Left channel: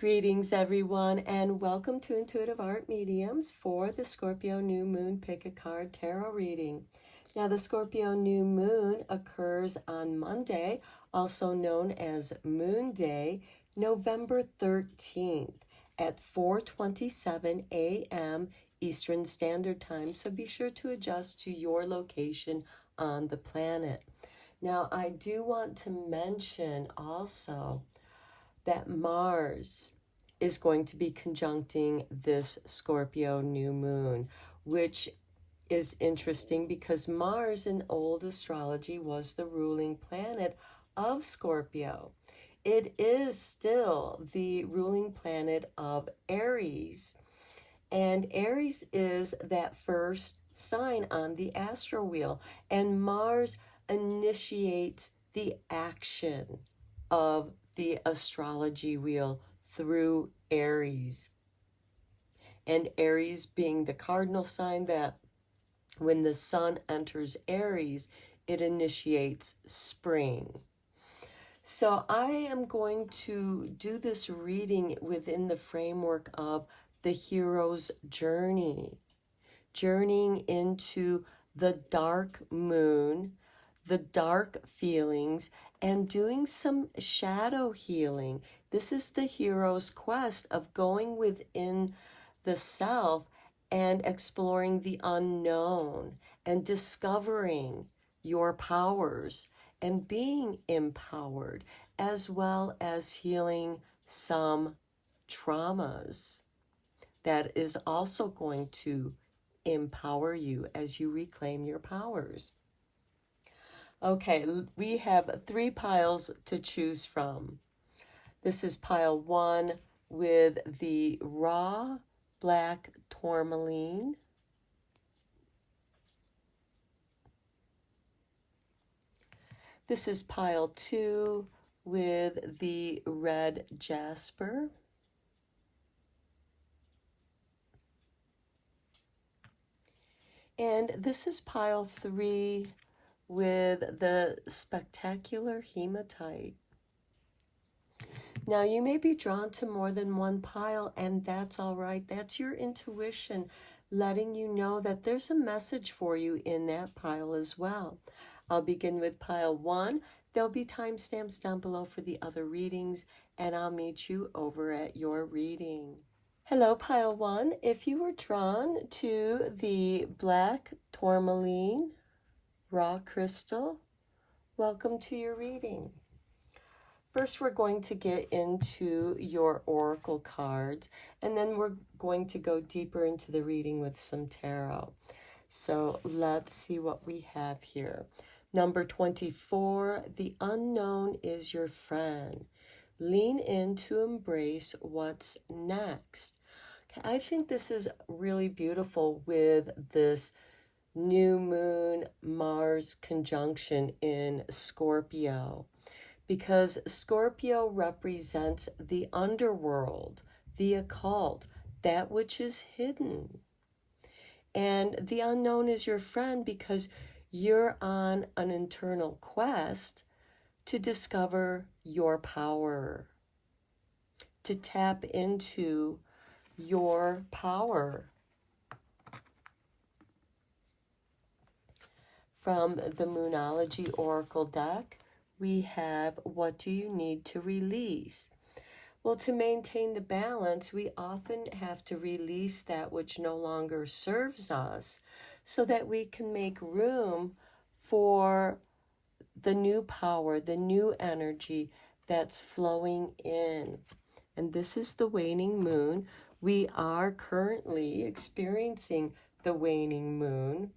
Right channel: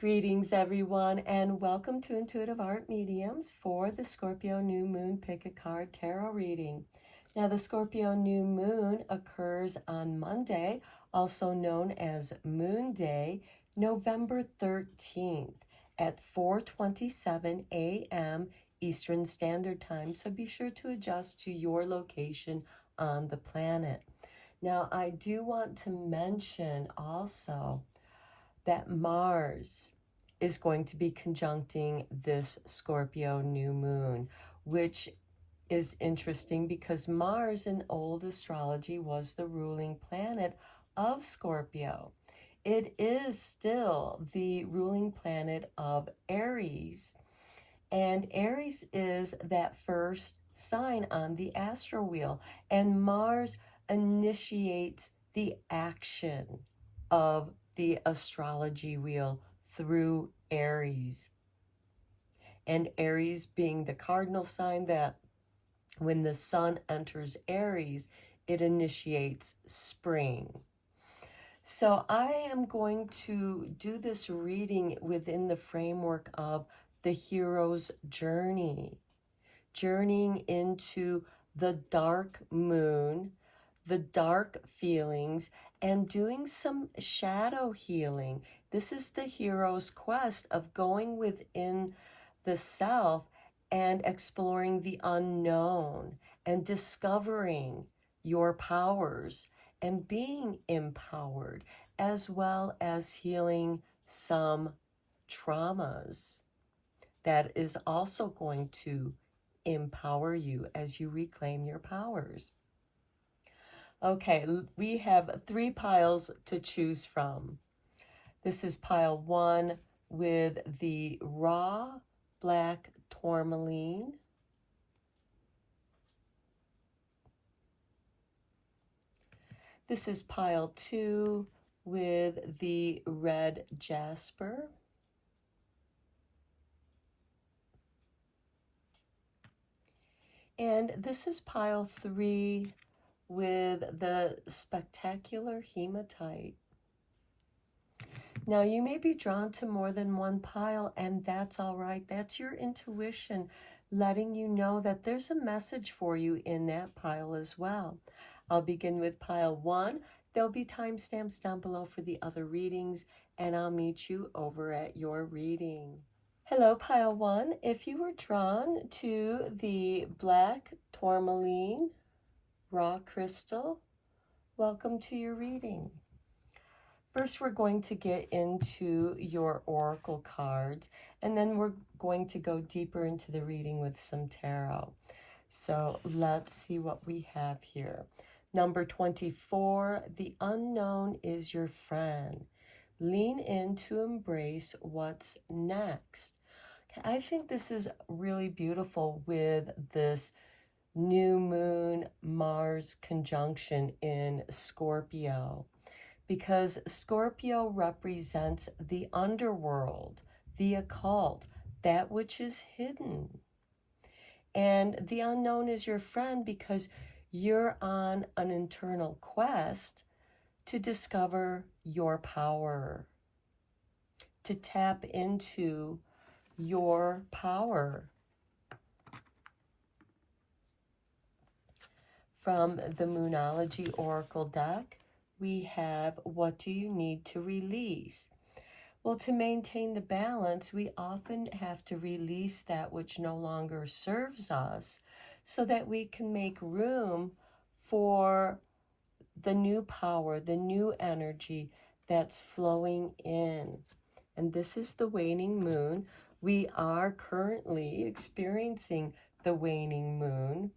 Greetings, everyone, and welcome to Intuitive Art Mediums for the Scorpio New Moon Pick a Card Tarot reading. Now, the Scorpio New Moon occurs on Monday, also known as Moon Day, November 13th at 4:27 a.m. Eastern Standard Time, so be sure to adjust to your location on the planet. Now, I do want to mention also that Mars is going to be conjuncting this Scorpio new moon, which is interesting because Mars in old astrology was the ruling planet of Scorpio. It is still the ruling planet of Aries, and Aries is that first sign on the astro wheel, and Mars initiates the action of the astrology wheel through Aries. And Aries being the cardinal sign that when the sun enters Aries, it initiates spring. So I am going to do this reading within the framework of the hero's journey, journeying into the dark moon, the dark feelings, and doing some shadow healing. This is the hero's quest of going within the self and exploring the unknown and discovering your powers and being empowered, as well as healing some traumas. That is also going to empower you as you reclaim your powers. Okay, we have 3 piles to choose from. This is pile 1 with the raw black tourmaline. This is pile 2 with the red jasper. And this is pile 3 with the spectacular hematite. Now, you may be drawn to more than one pile, and that's all right. That's your intuition letting you know that there's a message for you in that pile as well. I'll begin with pile 1. There'll be timestamps down below for the other readings, and I'll meet you over at your reading. Hello, pile 1. If you were drawn to the black tourmaline raw crystal, welcome to your reading. First, we're going to get into your oracle cards, and then we're going to go deeper into the reading with some tarot. So let's see what we have here. Number 24, the unknown is your friend. Lean in to embrace what's next. Okay, I think this is really beautiful with this new moon Mars conjunction in Scorpio, because Scorpio represents the underworld, the occult, that which is hidden. And the unknown is your friend because you're on an internal quest to discover your power, to tap into your power. From the Moonology Oracle deck, we have, what do you need to release? Well, to maintain the balance, we often have to release that which no longer serves us so that we can make room for the new power, the new energy that's flowing in. And this is the waning moon. We are currently experiencing the waning moon,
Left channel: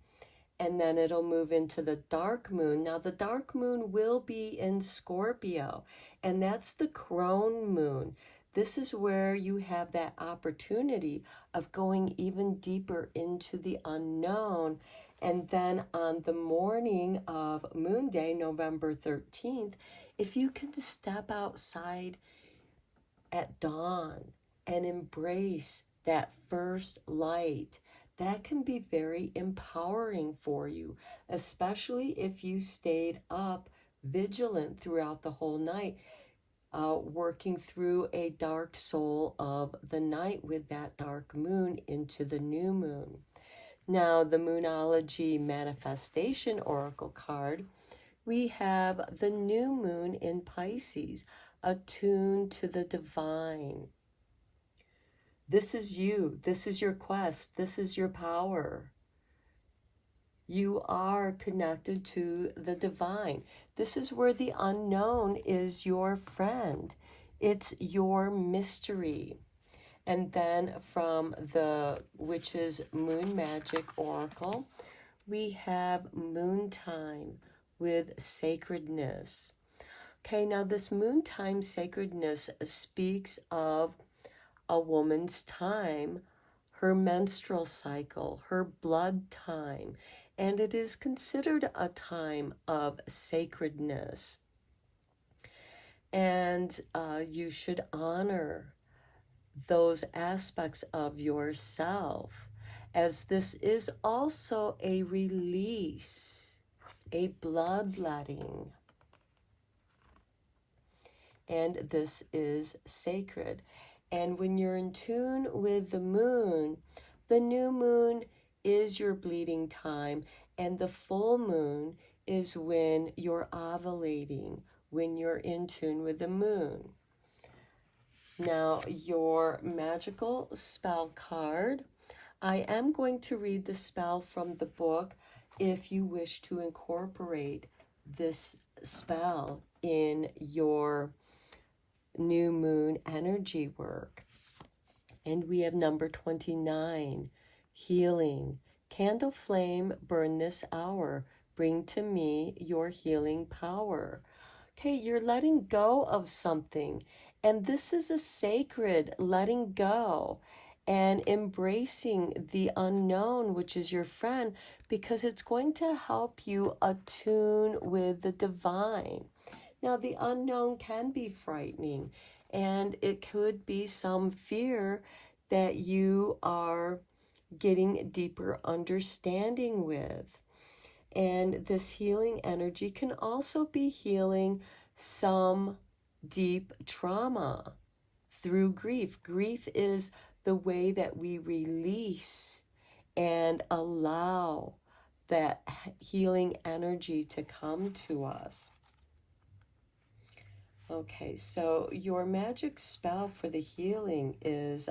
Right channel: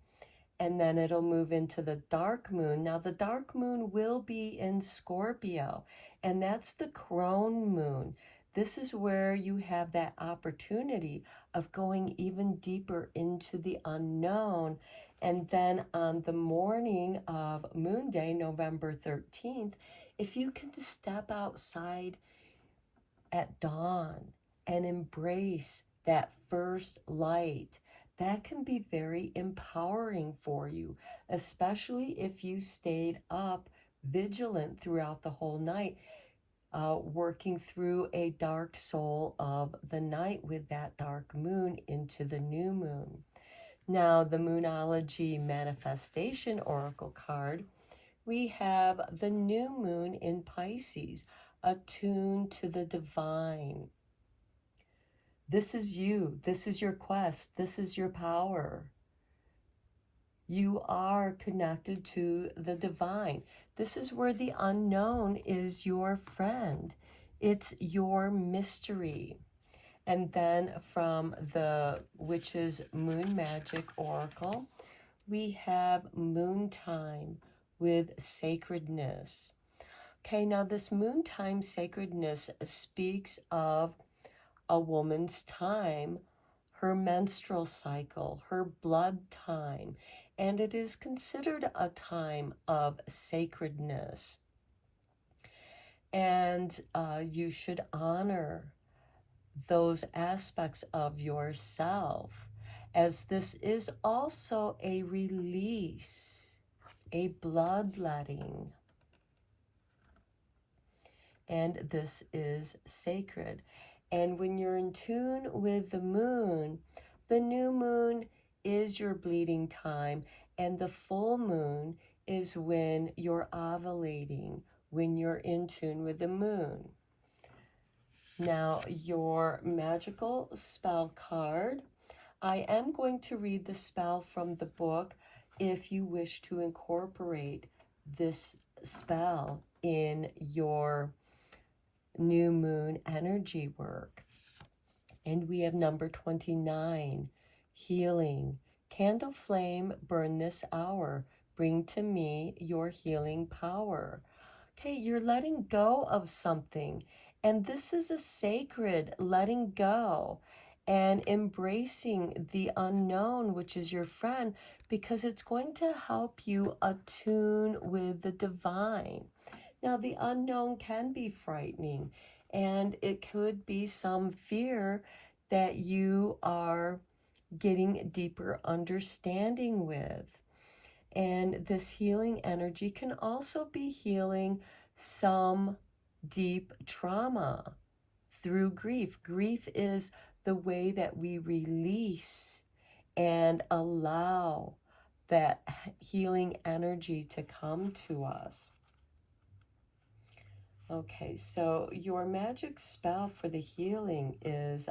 and then it'll move into the dark moon. Now, the dark moon will be in Scorpio, and that's the crone moon. This is where you have that opportunity of going even deeper into the unknown. And then on the morning of Moon Day, November 13th, if you can step outside at dawn and embrace that first light, that can be very empowering for you, especially if you stayed up vigilant throughout the whole night. working through a dark soul of the night with that dark moon into the new moon. Now, the Moonology Manifestation Oracle card, we have the new moon in Pisces, attuned to the divine. This is you. This is your quest. This is your power. You are connected to the divine. This is where the unknown is your friend. It's your mystery. And then from the Witch's Moon Magic Oracle, we have moon time with sacredness. Okay, now this moon time sacredness speaks of a woman's time, her menstrual cycle, her blood time, and it is considered a time of sacredness. And you should honor those aspects of yourself, as this is also a release, a bloodletting, and this is sacred. And when you're in tune with the new moon is your bleeding time, and the full moon is when you're ovulating, when you're in tune with the moon. Now, your magical spell card. I am going to read the spell from the book if you wish to incorporate this spell in your new moon energy work. And we have number 29, healing. Candle flame, burn this hour. Bring to me your healing power. Okay, you're letting go of something. And this is a sacred letting go and embracing the unknown, which is your friend, because it's going to help you attune with the divine. Now, the unknown can be frightening, and it could be some fear that you are getting deeper understanding with. And this healing energy can also be healing some deep trauma through grief. Grief is the way that we release and allow that healing energy to come to us. Okay, so your magic spell for the healing is,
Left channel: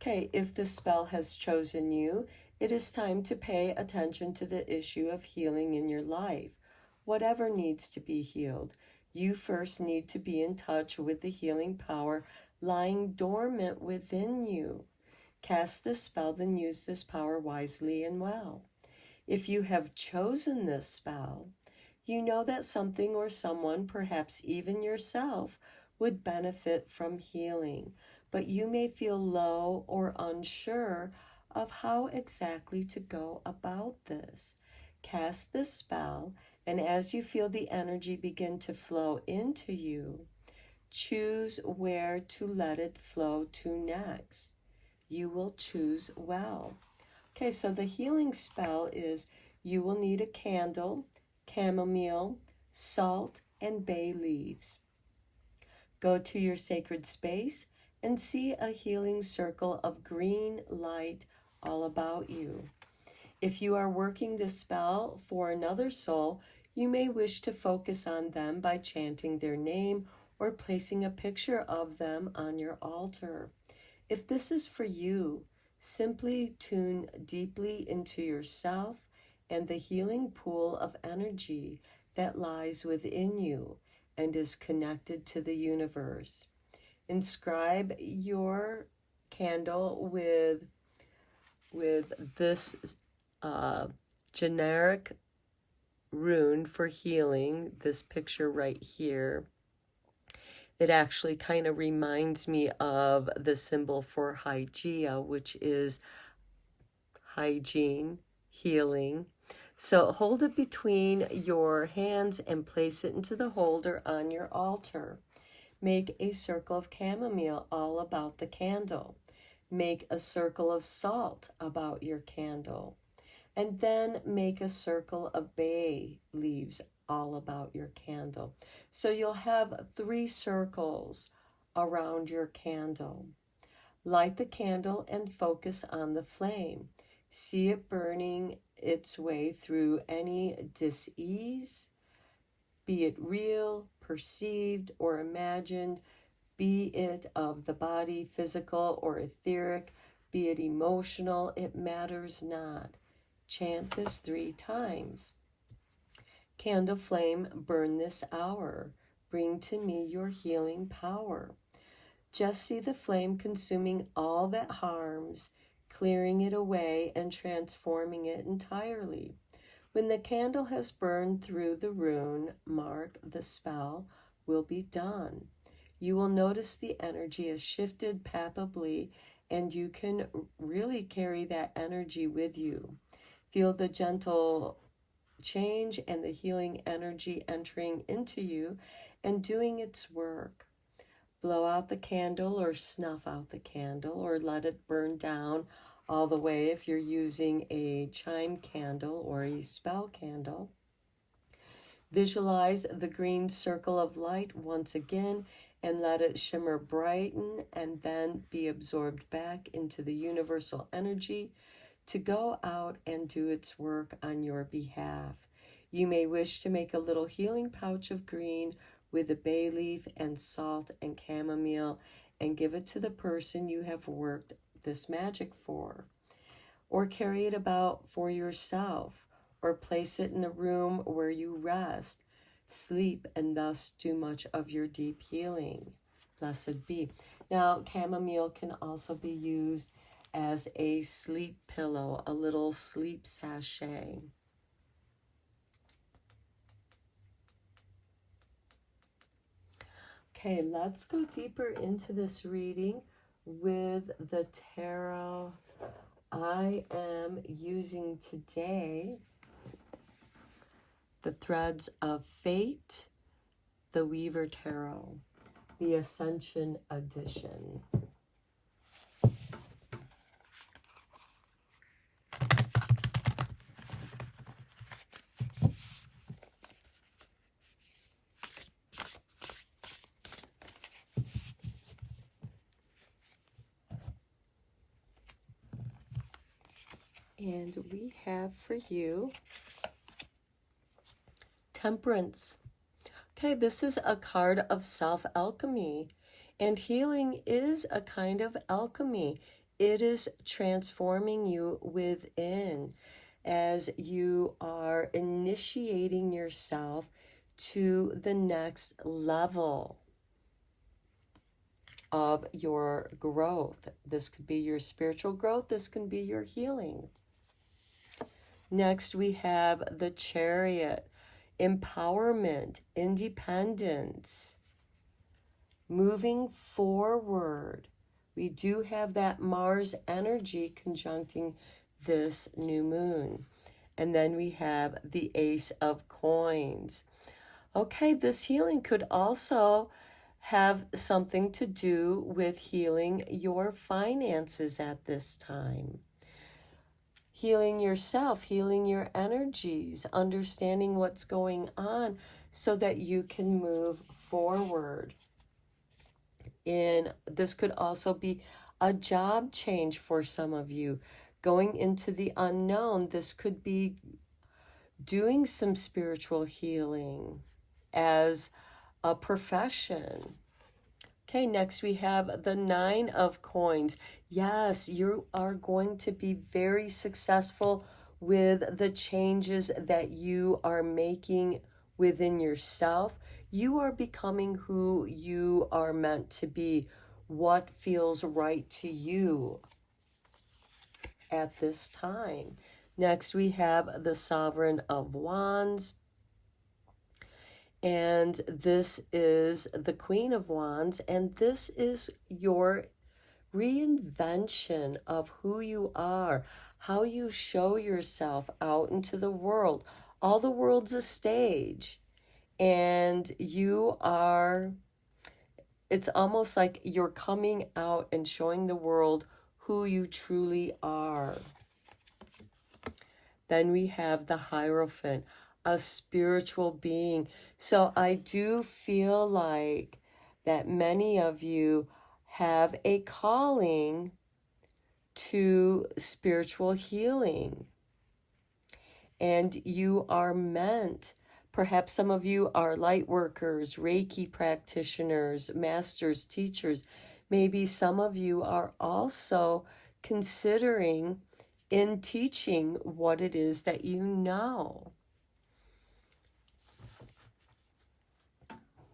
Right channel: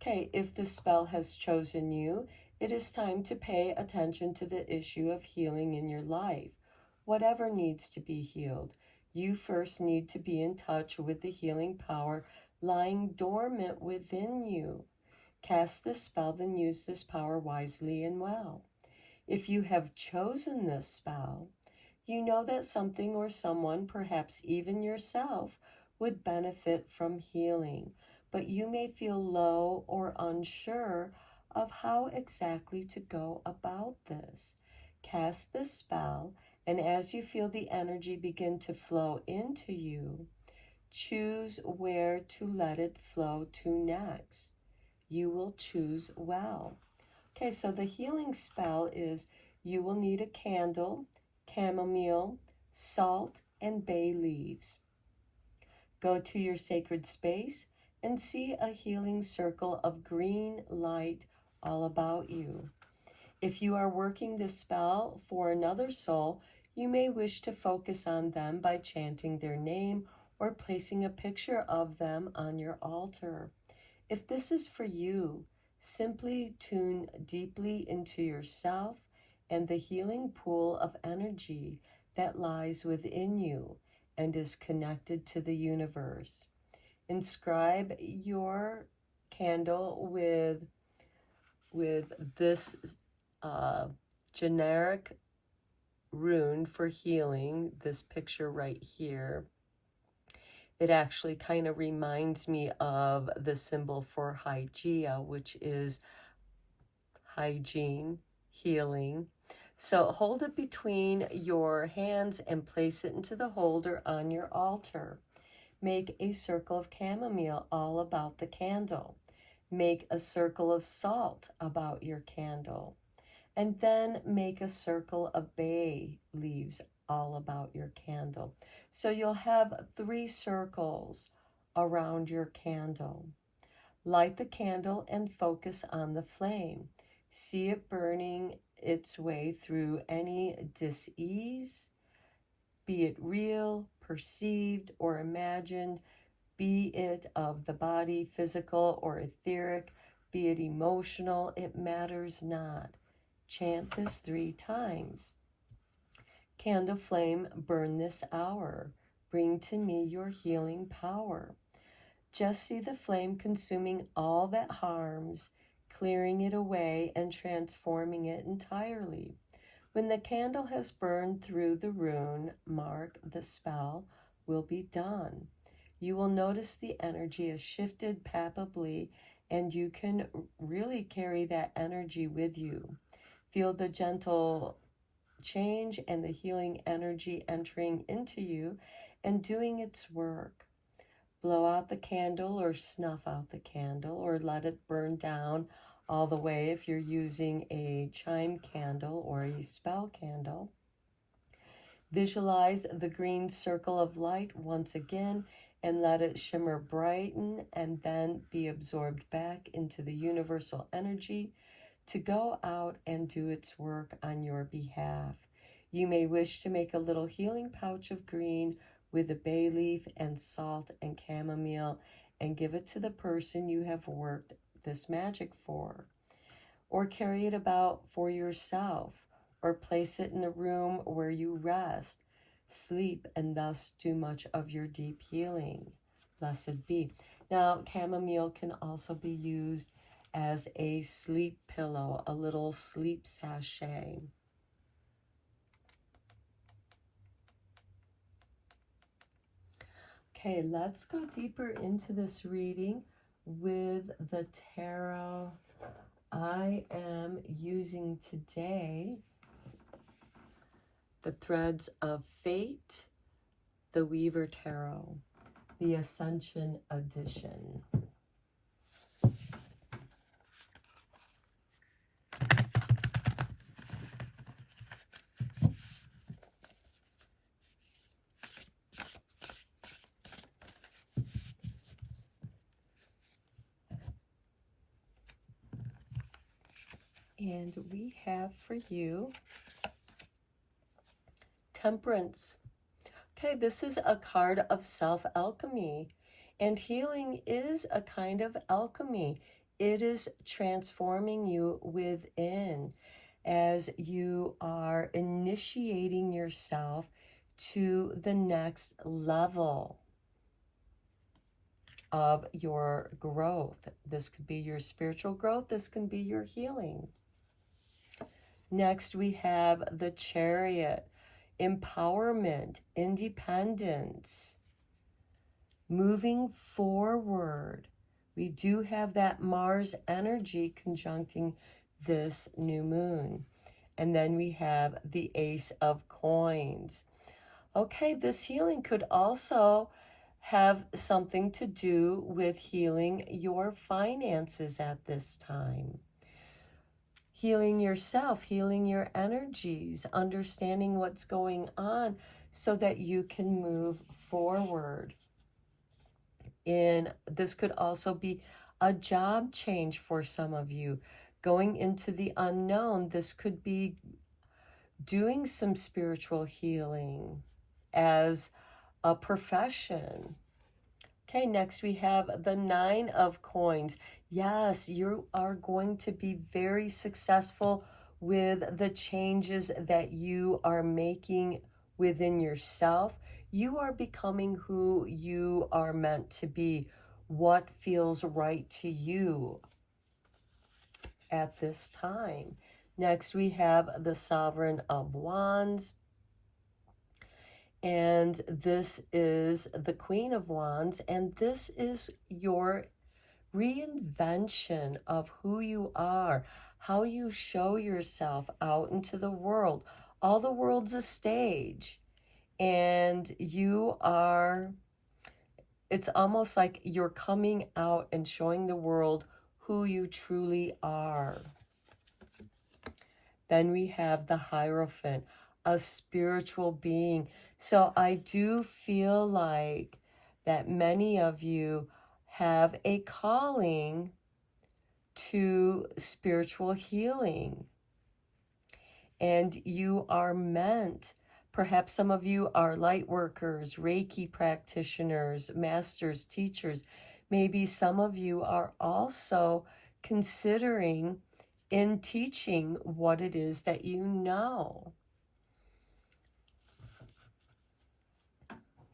okay, if the spell has chosen you, it is time to pay attention to the issue of healing in your life. Whatever needs to be healed, you first need to be in touch with the healing power lying dormant within you. Cast this spell, then use this power wisely and well. If you have chosen this spell, you know that something or someone, perhaps even yourself, would benefit from healing, but you may feel low or unsure of how exactly to go about this. Cast this spell, and as you feel the energy begin to flow into you, choose where to let it flow to next. You will choose well. Okay, so the healing spell is you will need a candle, chamomile, salt, and bay leaves. Go to your sacred space and see a healing circle of green light all about you. If you are working this spell for another soul, you may wish to focus on them by chanting their name or placing a picture of them on your altar. If this is for you, simply tune deeply into yourself and the healing pool of energy that lies within you and is connected to the universe. Inscribe your candle with this generic rune for healing, this picture right here. It actually kind of reminds me of the symbol for Hygeia, which is hygiene, healing. So hold it between your hands and place it into the holder on your altar. Make a circle of chamomile all about the candle. Make a circle of salt about your candle. And then make a circle of bay leaves all about your candle. So you'll have 3 circles around your candle. Light the candle and focus on the flame. See it burning its way through any dis-ease, be it real, perceived, or imagined, be it of the body, physical or etheric, be it emotional, it matters not. Chant this 3 times. Candle flame, burn this hour. Bring to me your healing power. Just see the flame consuming all that harms, clearing it away and transforming it entirely. When the candle has burned through the rune, mark the spell will be done. You will notice the energy is shifted palpably, and you can really carry that energy with you. Feel the gentle change and the healing energy entering into you and doing its work. Blow out the candle or snuff out the candle or let it burn down all the way if you're using a chime candle or a spell candle. Visualize the green circle of light once again and let it shimmer, brighten, and then be absorbed back into the universal energy to go out and do its work on your behalf. You may wish to make a little healing pouch of green with a bay leaf and salt and chamomile and give it to the person you have worked this magic for. Or carry it about for yourself, or place it in a room where you rest, sleep, and thus do much of your deep healing. Blessed be. Now, chamomile can also be used as a sleep pillow, a little sleep sachet. Okay, let's go deeper into this reading with the tarot I am using today. The Threads of Fate, the Weaver Tarot, the Ascension Edition. And we have for you Temperance. Okay, this is a card of self-alchemy, and healing is a kind of alchemy. It is transforming you within as you are initiating yourself to the next level of your growth. This could be your spiritual growth. This can be your healing. Next, we have the Chariot. Empowerment, independence, moving forward. We do have that Mars energy conjuncting this new moon. And then we have the Ace of Coins. Okay, this healing could also have something to do with healing your finances at this time. Healing yourself, healing your energies, understanding what's going on so that you can move forward. And this could also be a job change for some of you. Going into the unknown, this could be doing some spiritual healing as a profession. Okay, next we have the Nine of Coins. Yes, you are going to be very successful with the changes that you are making within yourself. You are becoming who you are meant to be, what feels right to you at this time. Next, we have the Sovereign of Wands. And this is the Queen of Wands, and this is your reinvention of who you are, how you show yourself out into the world. All the world's a stage, and you are, it's almost like you're coming out and showing the world who you truly are. Then we have the Hierophant. a spiritual being. So I do feel like that many of you have a calling to spiritual healing, and you are meant. Perhaps some of you are light workers, Reiki practitioners, masters, teachers. Maybe some of you are also considering in teaching what it is that you know.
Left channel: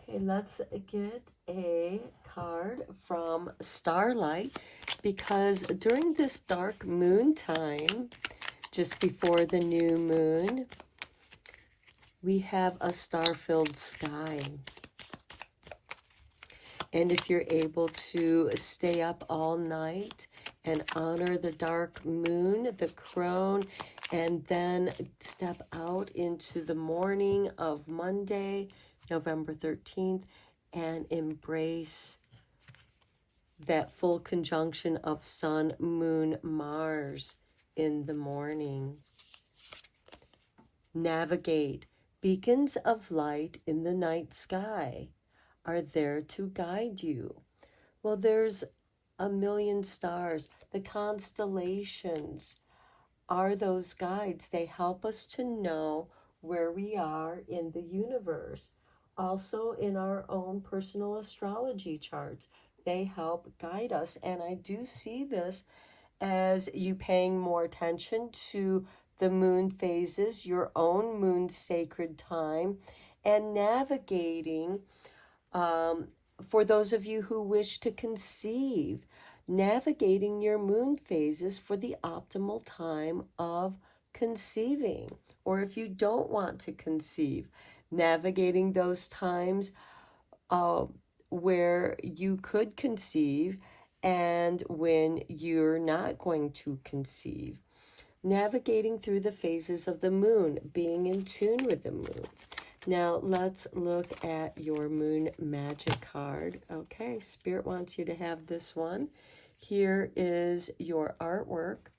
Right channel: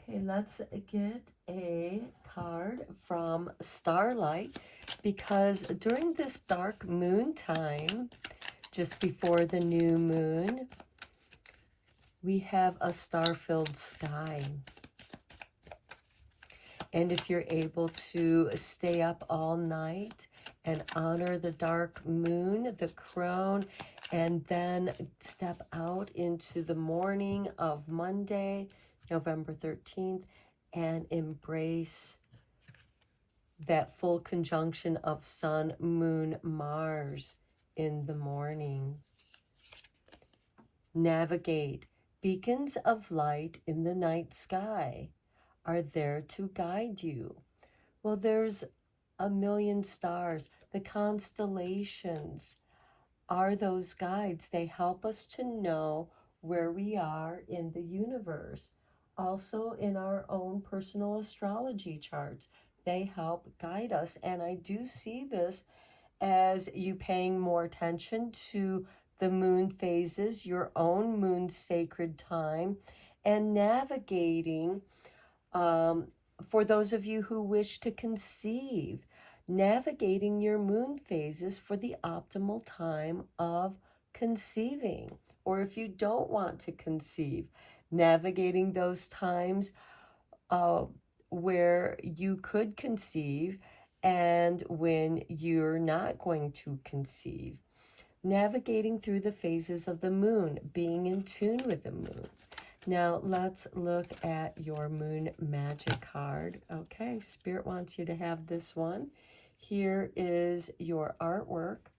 Okay, let's get a card from Starlight, because during this dark moon time, just before the new moon, we have a star-filled sky. And if you're able to stay up all night and honor the dark moon, the crone, and then step out into the morning of Monday, November 13th, and embrace that full conjunction of Sun, Moon, Mars in the morning. Navigate. Beacons of light in the night sky are there to guide you. Well, there's a million stars. The constellations are those guides. They help us to know where we are in the universe. Also, in our own personal astrology charts, they help guide us. And I do see this as you paying more attention to the moon phases, your own moon sacred time, and navigating, for those of you who wish to conceive, navigating your moon phases for the optimal time of conceiving. Or if you don't want to conceive, navigating those times where you could conceive and when you're not going to conceive. Navigating through the phases of the moon, being in tune with the moon. Now let's look at your moon magic card. Okay, Spirit wants you to have this one. Here is your artwork.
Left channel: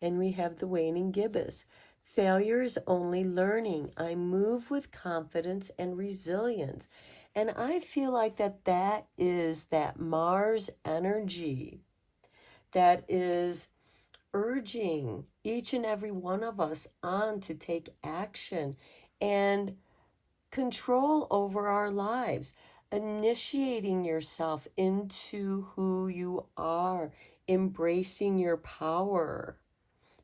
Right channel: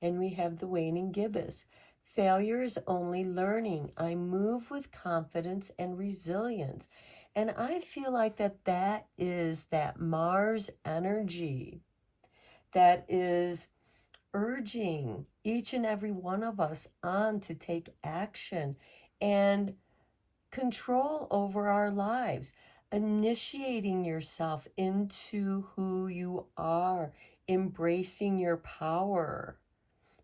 And we have the waning gibbous. Failure is only learning. I move with confidence and resilience. And I feel like that is that Mars energy that is urging each and every one of us on to take action and control over our lives, initiating yourself into who you are, embracing your power,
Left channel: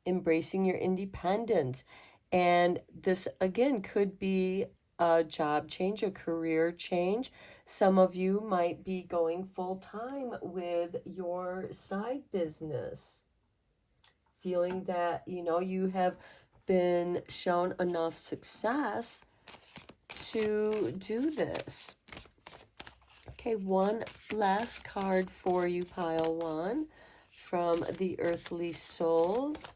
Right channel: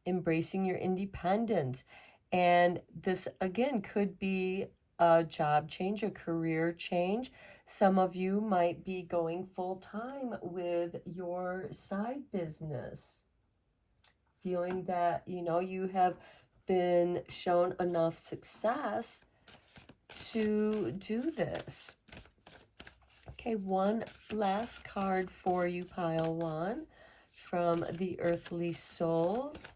embracing your independence. And this, again, could be a job change, a career change. Some of you might be going full-time with your side business, feeling that, you have been shown enough success to do this. Okay, one last card for you, pile one, from the Earthly Souls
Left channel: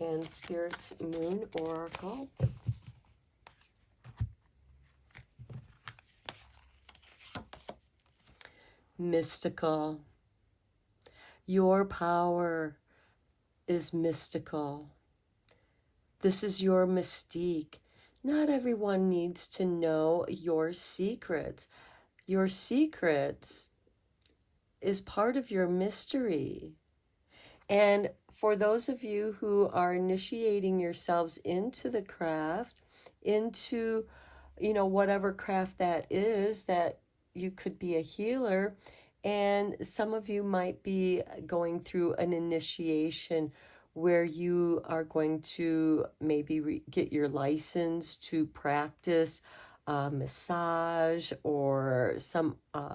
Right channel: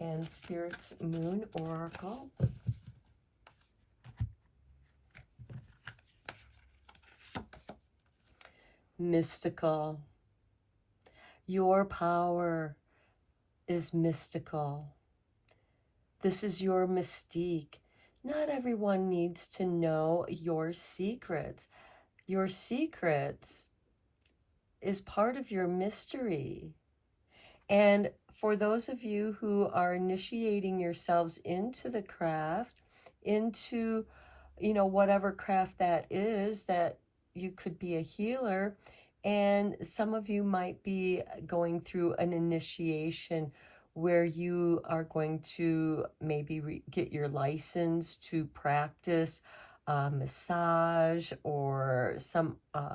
and Spirit's Moon Oracle. Mystical. Your power is mystical. This is your mystique. Not everyone needs to know your secrets. Your secrets is part of your mystery. And for those of you who are initiating yourselves into the craft, into, whatever craft that is, that you could be a healer, and some of you might be going through an initiation where you are going to maybe get your license to practice massage or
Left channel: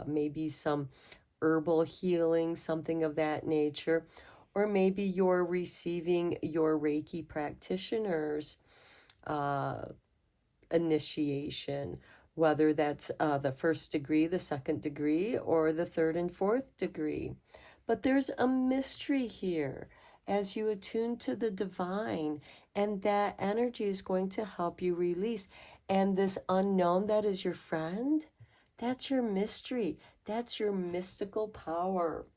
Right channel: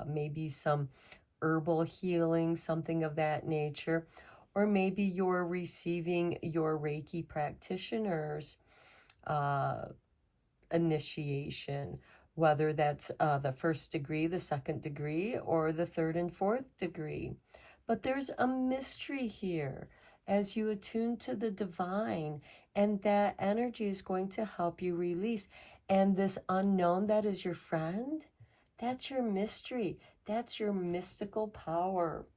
maybe some herbal healing, something of that nature. Or maybe you're receiving your Reiki practitioner's initiation, whether that's the first degree, the second degree, or the third and fourth degree. But there's a mystery here as you attune to the divine, and that energy is going to help you release. And this unknown that is your friend, that's your mystery. That's your mystical power.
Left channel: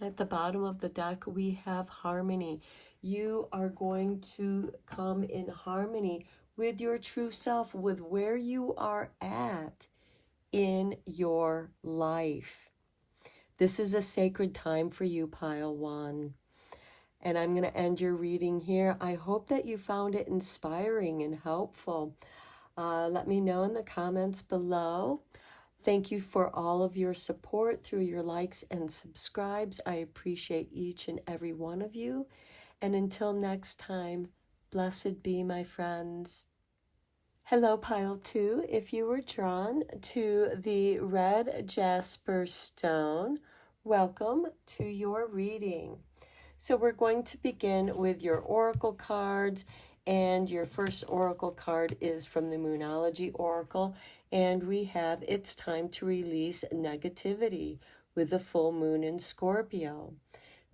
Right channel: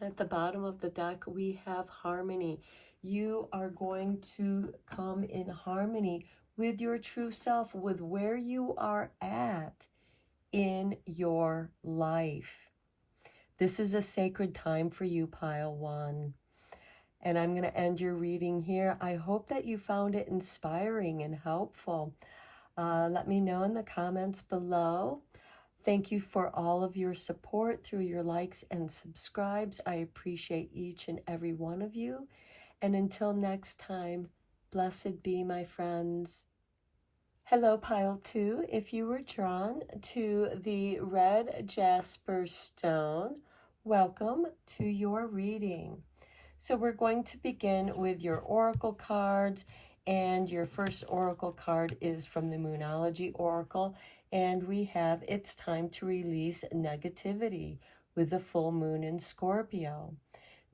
At the bottom of the deck, we have harmony. You are going to come in harmony with your true self, with where you are at in your life. This is a sacred time for you, Pile 1. And I'm going to end your reading here. I hope that you found it inspiring and helpful. Let me know in the comments below. Thank you for all of your support through your likes and subscribes. I appreciate each and every one of you. And until next time, blessed be, my friends. Hello, Pile 2. If you were drawn to the red jasper stone, welcome to your reading. So we're going to begin with your oracle cards, and your first oracle card is from the Moonology Oracle, and we have It's Time to Release Negativity with the full moon in Scorpio.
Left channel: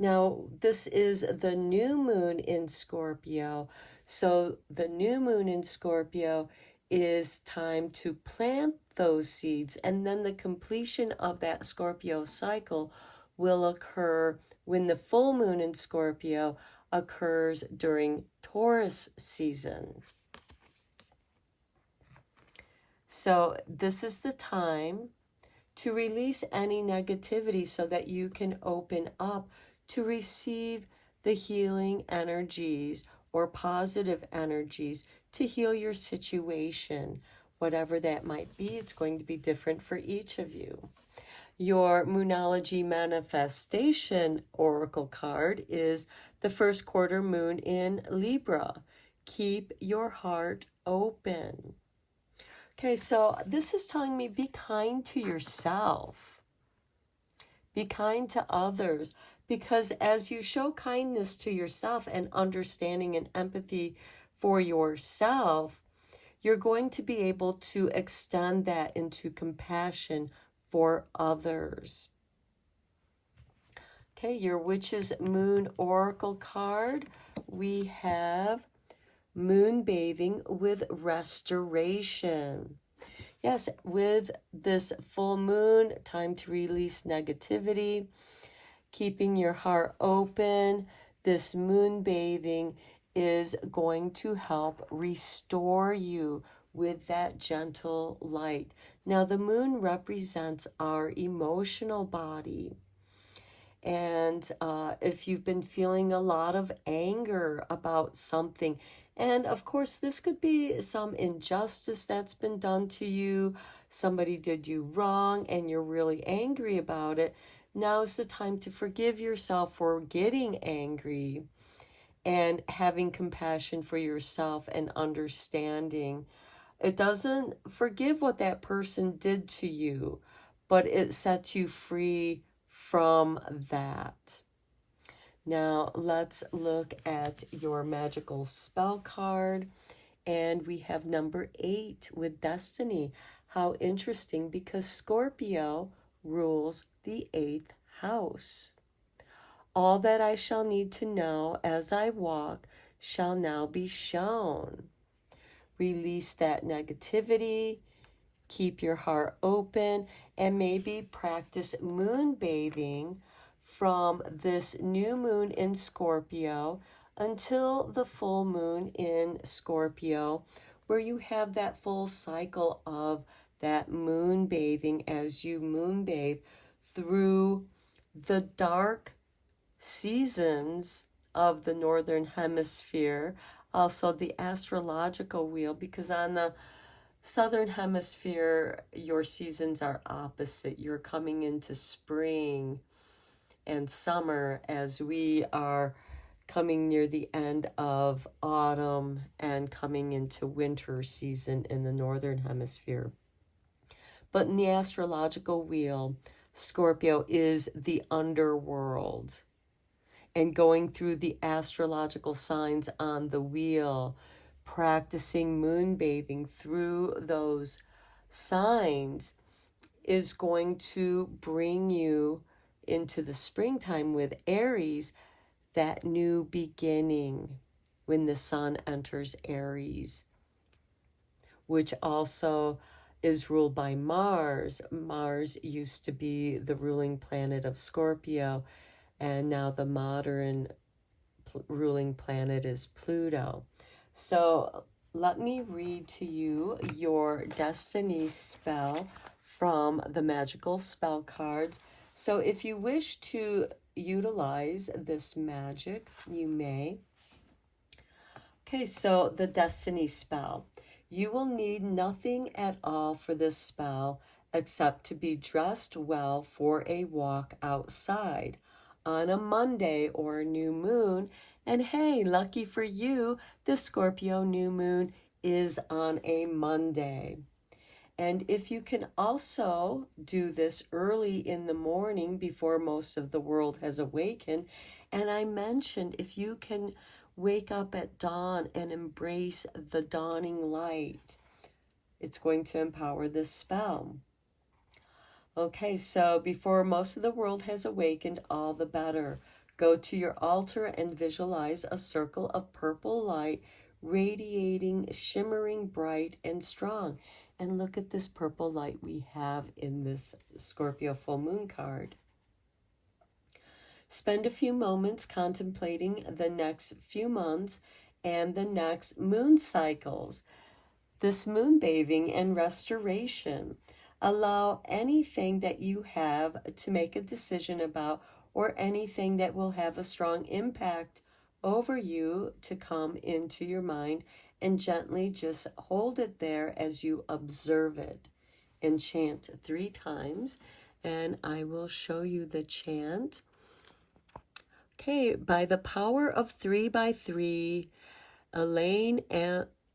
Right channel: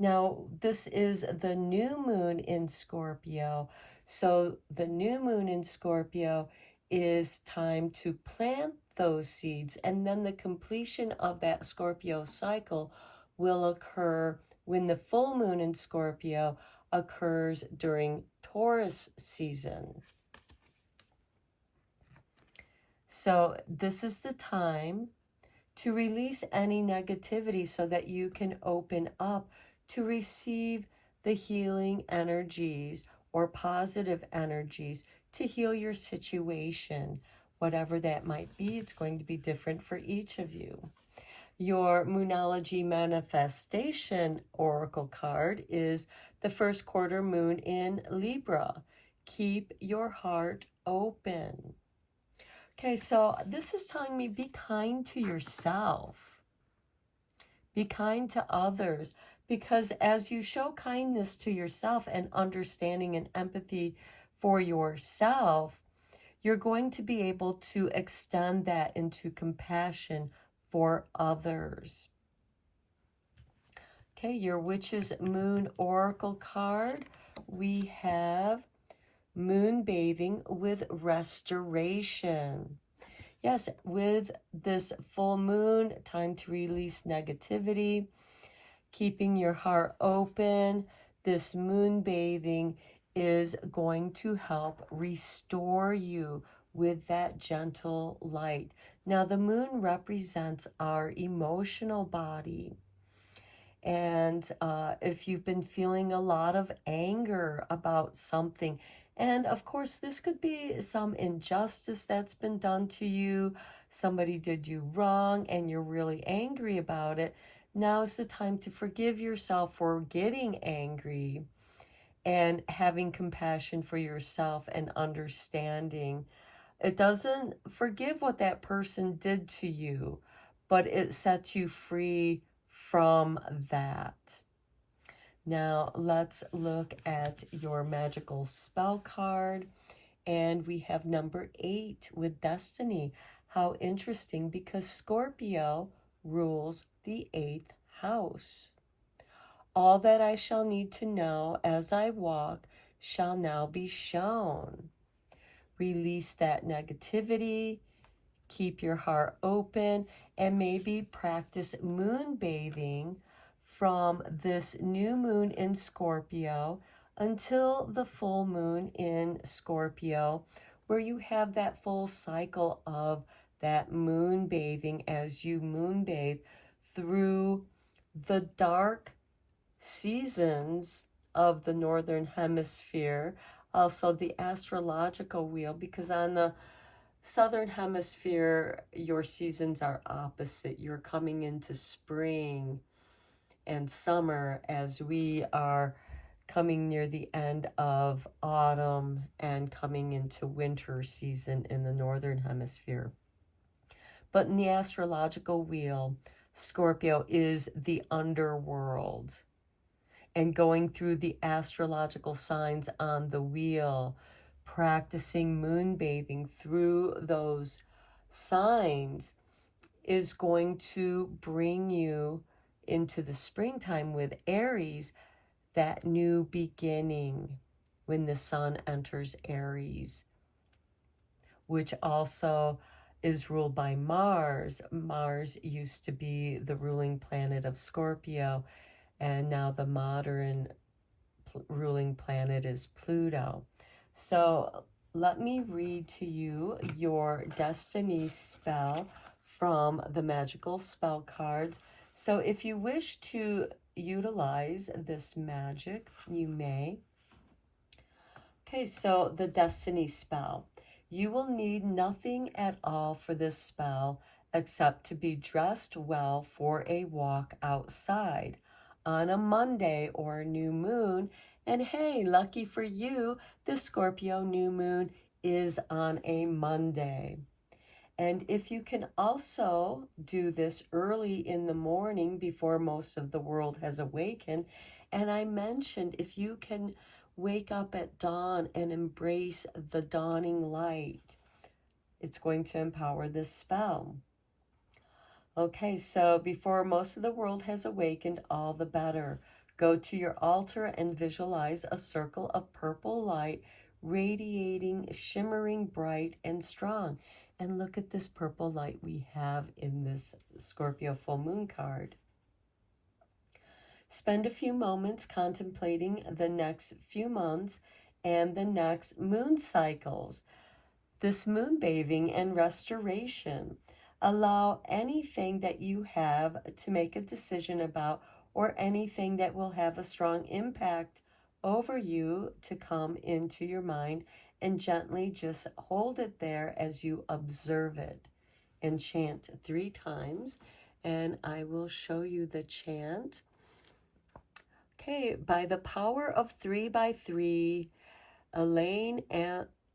Now, this is the new moon in Scorpio, so the new moon in Scorpio is time to plant those seeds, and then the completion of that Scorpio cycle will occur when the full moon in Scorpio occurs during Taurus season. So this is the time to release any negativity so that you can open up to receive the healing energies or positive energies to heal your situation. Whatever that might be, it's going to be different for each of you. Your Moonology Manifestation Oracle card is the first quarter moon in Libra. Keep your heart open. Okay, so this is telling me be kind to yourself. Be kind to others, because as you show kindness to yourself and understanding and empathy for yourself, you're going to be able to extend that into compassion for others. Okay, your Witch's Moon Oracle card, we have moon bathing with restoration. Yes, with this full moon, time to release negativity, keeping your heart open. This moon bathing is going to help restore you with that gentle light. Now, the moon represents our emotional body. And if you've been feeling a lot of anger about something, and of course, this could be some injustice that's been done to you, somebody did you wrong, and you're really angry about it, now is the time to forgive yourself for getting angry and having compassion for yourself and understanding. It doesn't forgive what that person did to you, but it sets you free from that. Now let's look at your magical spell card, and we have number 8 with Destiny. How interesting, because Scorpio rules the 8th house. All that I shall need to know as I walk shall now be shown. Release that negativity, keep your heart open, and maybe practice moon bathing from this new moon in Scorpio until the full moon in Scorpio, where you have that full cycle of that moon bathing as you moon bathe through the dark seasons of the Northern Hemisphere, also the astrological wheel, because on the Southern Hemisphere, your seasons are opposite. You're coming into spring and summer as we are coming near the end of autumn and coming into winter season in the Northern Hemisphere. But in the astrological wheel, Scorpio is the underworld. And going through the astrological signs on the wheel, practicing moon bathing through those signs is going to bring you into the springtime with Aries, that new beginning when the sun enters Aries, which also is ruled by Mars. Mars used to be the ruling planet of Scorpio, and now the modern ruling planet is Pluto. So let me read to you your destiny spell from the magical spell cards. So if you wish to utilize this magic, you may. Okay, so the destiny spell. You will need nothing at all for this spell except to be dressed well for a walk outside on a Monday or a new moon. And hey, lucky for you, the Scorpio new moon is on a Monday. And if you can also do this early in the morning before most of the world has awakened, and I mentioned if you can wake up at dawn and embrace the dawning light, it's going to empower this spell. Okay, so before most of the world has awakened, all the better. Go to your altar and visualize a circle of purple light radiating, shimmering bright and strong. And look at this purple light we have in this Scorpio full moon card. Spend a few moments contemplating the next few months and the next moon cycles. This moon bathing and restoration. Allow anything that you have to make a decision about or anything that will have a strong impact over you to come into your mind, and gently just hold it there as you observe it. And chant 3 times, and I will show you the chant. Okay, by the power of 3 by 3, Elaine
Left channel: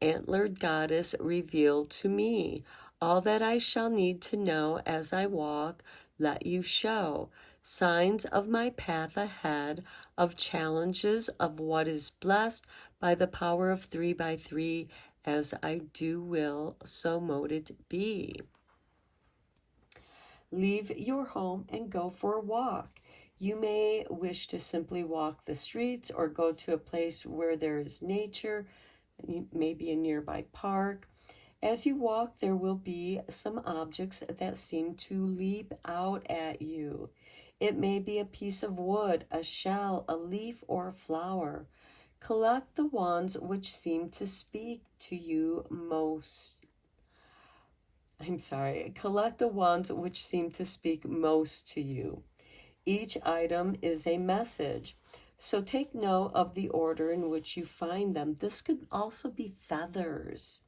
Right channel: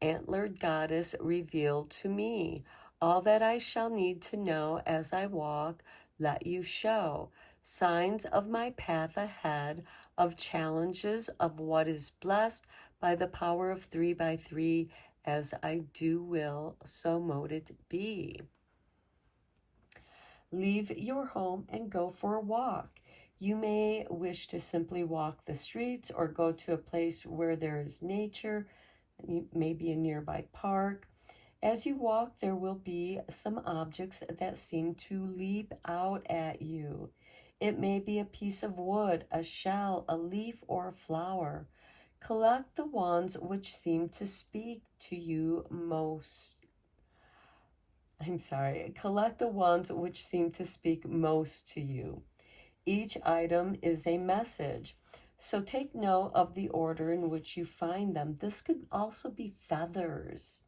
antlered goddess revealed to me all that I shall need to know as I walk. Let you show signs of my path ahead, of challenges of what is blessed by the power of 3 by 3. As I do will, so mote it be. Leave your home and go for a walk. You may wish to simply walk the streets or go to a place where there is nature, maybe a nearby park. As you walk, there will be some objects that seem to leap out at you. It may be a piece of wood, a shell, a leaf, or a flower. Collect the ones which seem to speak to you most. Collect the ones which seem to speak most to you. Each item is a message. So take note of the order in which you find them. This could also be feathers.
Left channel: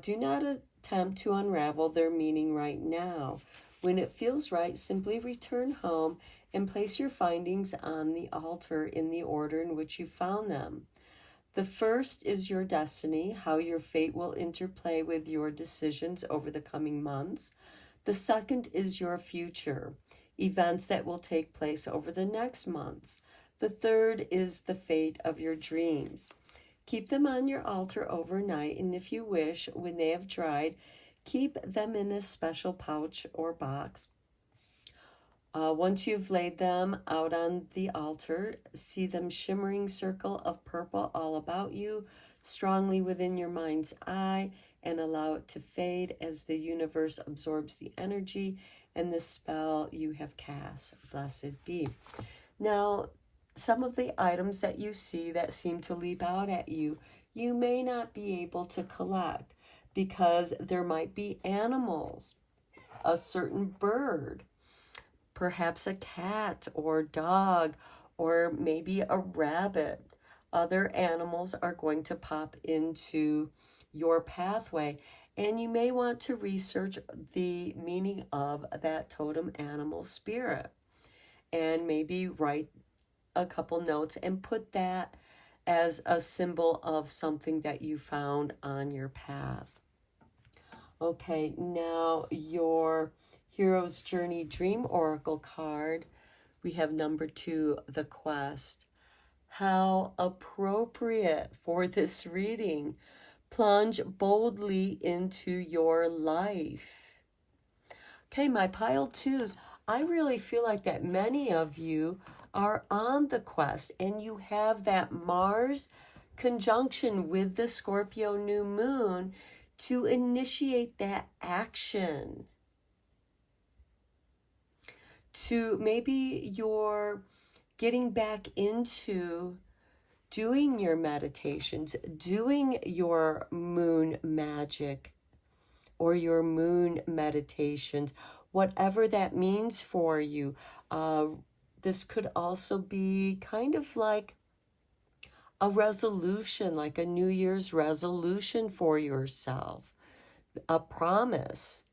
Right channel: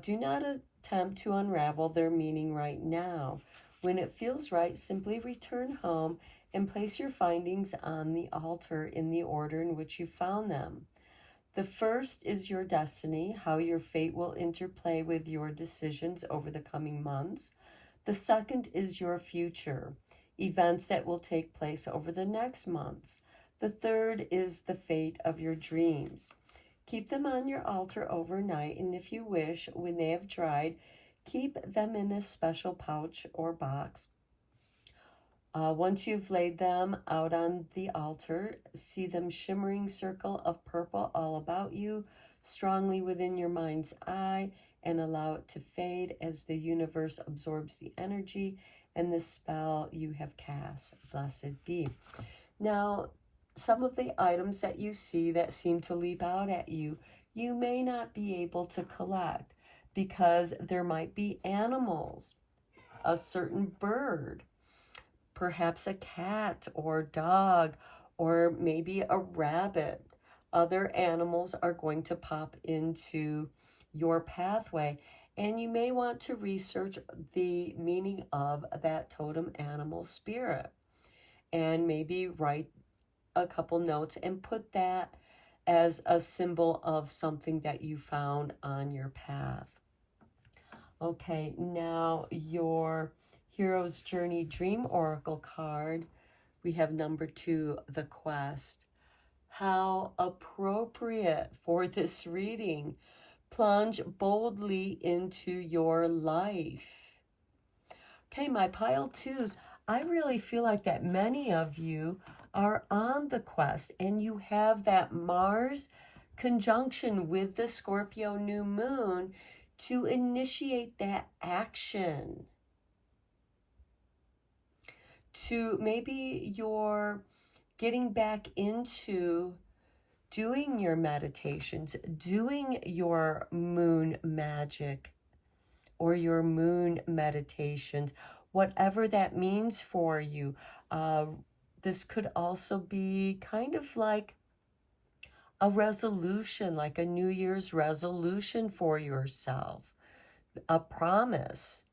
Do not attempt to unravel their meaning right now. When it feels right, simply return home and place your findings on the altar in the order in which you found them. The first is your destiny, how your fate will interplay with your decisions over the coming months. The second is your future, events that will take place over the next months. The third is the fate of your dreams. Keep them on your altar overnight, and if you wish, when they have dried, keep them in a special pouch or box. Once you've laid them out on the altar, see them shimmering circle of purple all about you, strongly within your mind's eye, and allow it to fade as the universe absorbs the energy and the spell you have cast. Blessed be. Now, some of the items that you see that seem to leap out at you, you may not be able to collect because there might be animals, a certain bird, perhaps a cat or dog, or maybe a rabbit. Other animals are going to pop into your pathway, and you may want to research the meaning of that totem animal spirit and maybe write a couple notes and put that as a symbol of something that you found on your path. Okay, now your Hero's Journey Dream Oracle card. We have number 2, the Quest. How appropriate for this reading. Plunge boldly into your life. Okay, my pile 2s. I really feel like that many of you are on the quest and you have that Mars conjunction with the Scorpio new moon to initiate that action. To maybe you're getting back into doing your meditations, doing your moon magic or your moon meditations, whatever that means for you. This could also be kind of like a resolution, like a New Year's resolution for yourself, a promise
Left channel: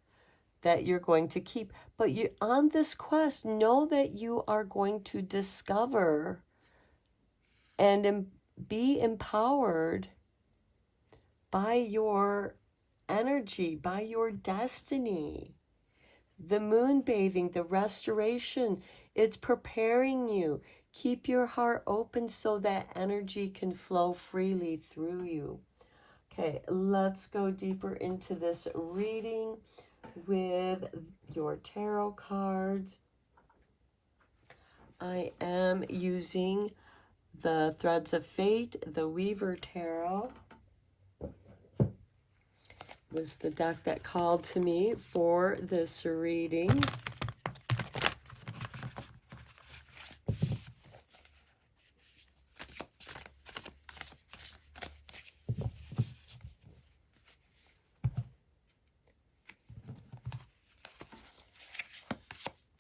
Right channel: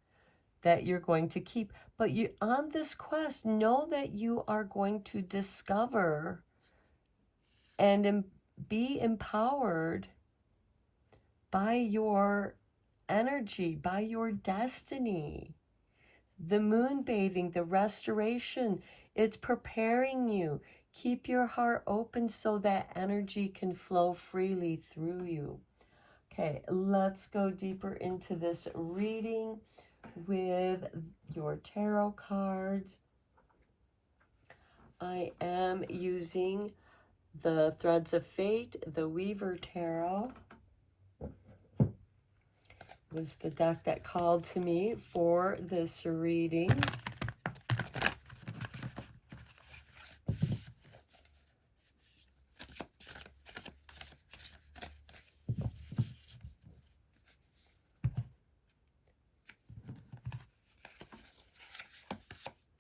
that you're going to keep. But you, on this quest, know that you are going to discover and be empowered by your energy, by your destiny. The moon bathing, the restoration, it's preparing you. Keep your heart open so that energy can flow freely through you. Okay, let's go deeper into this reading with your tarot cards. I am using the Threads of Fate, the Weaver Tarot. Was the deck that called to me for this reading.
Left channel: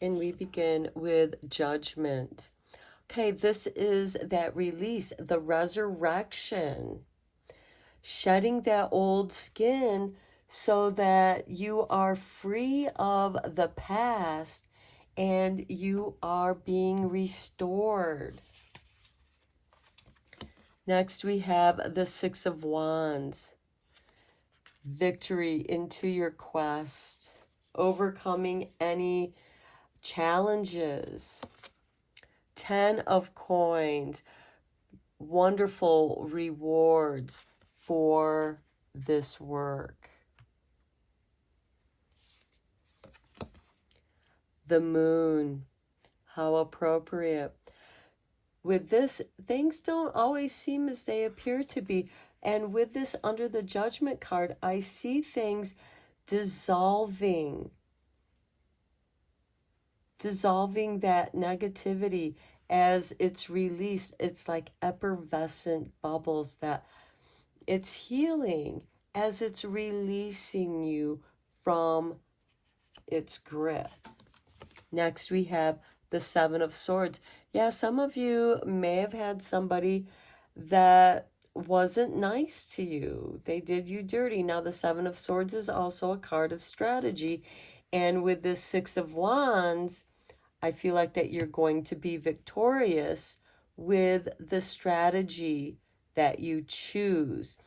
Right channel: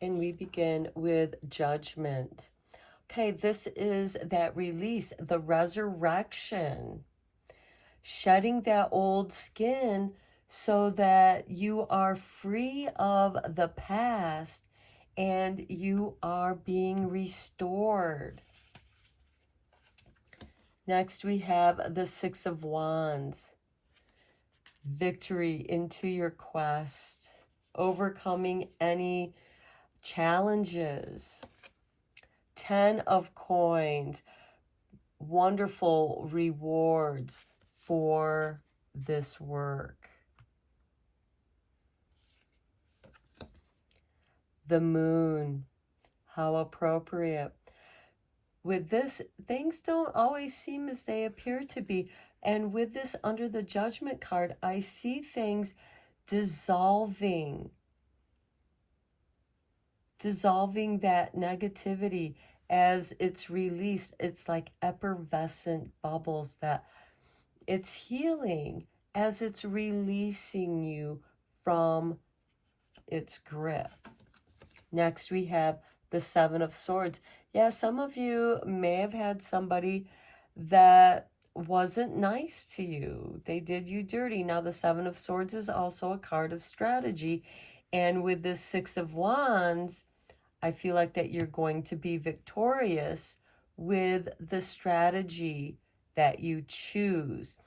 And we begin with Judgment. Okay, this is that release, the resurrection. Shedding that old skin so that you are free of the past and you are being restored. Next, we have the Six of Wands. Victory into your quest, overcoming any challenges. 10 of Coins, wonderful rewards for this work. The Moon, how appropriate. With this, things don't always seem as they appear to be. And with this under the Judgment card, I see things dissolving that negativity as it's released. It's like effervescent bubbles that it's healing as it's releasing you from its grip. Next, we have the Seven of Swords. Yeah, some of you may have had somebody that wasn't nice to you. They did you dirty. Now, the Seven of Swords is also a card of strategy. And with this Six of Wands, I feel like that you're going to be victorious with the strategy that you choose.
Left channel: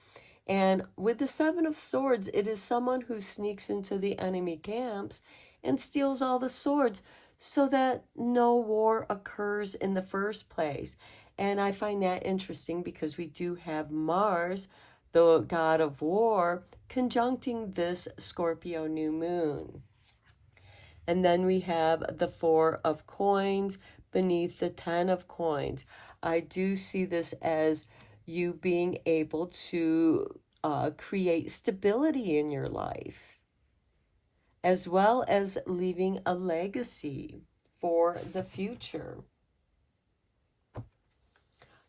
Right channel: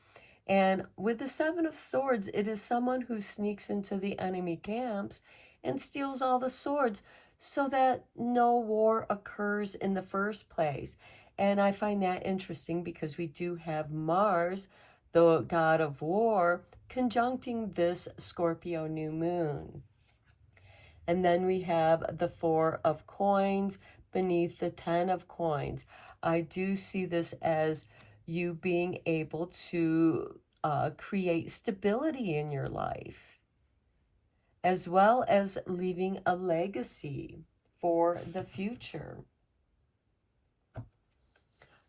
And with the Seven of Swords, it is someone who sneaks into the enemy camps and steals all the swords so that no war occurs in the first place. And I find that interesting because we do have Mars, the god of war, conjuncting this Scorpio new moon. And then we have the Four of Coins beneath the 10 of Coins. I do see this as you being able to create stability in your life, as well as leaving a legacy for the future.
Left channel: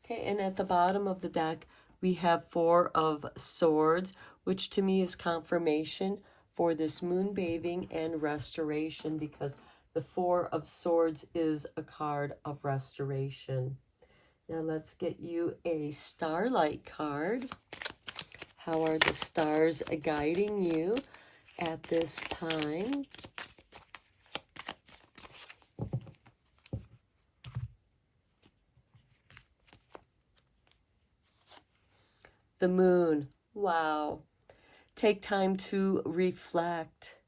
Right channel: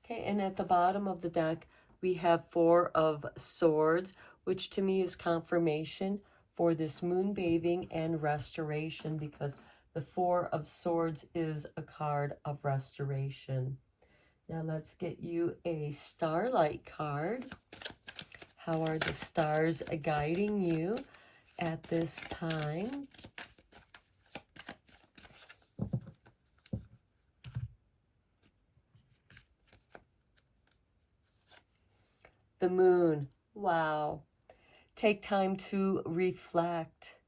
Okay, and at the bottom of the deck, we have Four of Swords, which to me is confirmation for this moon bathing and restoration, because the Four of Swords is a card of restoration. Now let's get you a Starlight card. How are the stars guiding you at this time? The Moon. Wow. Take time to reflect.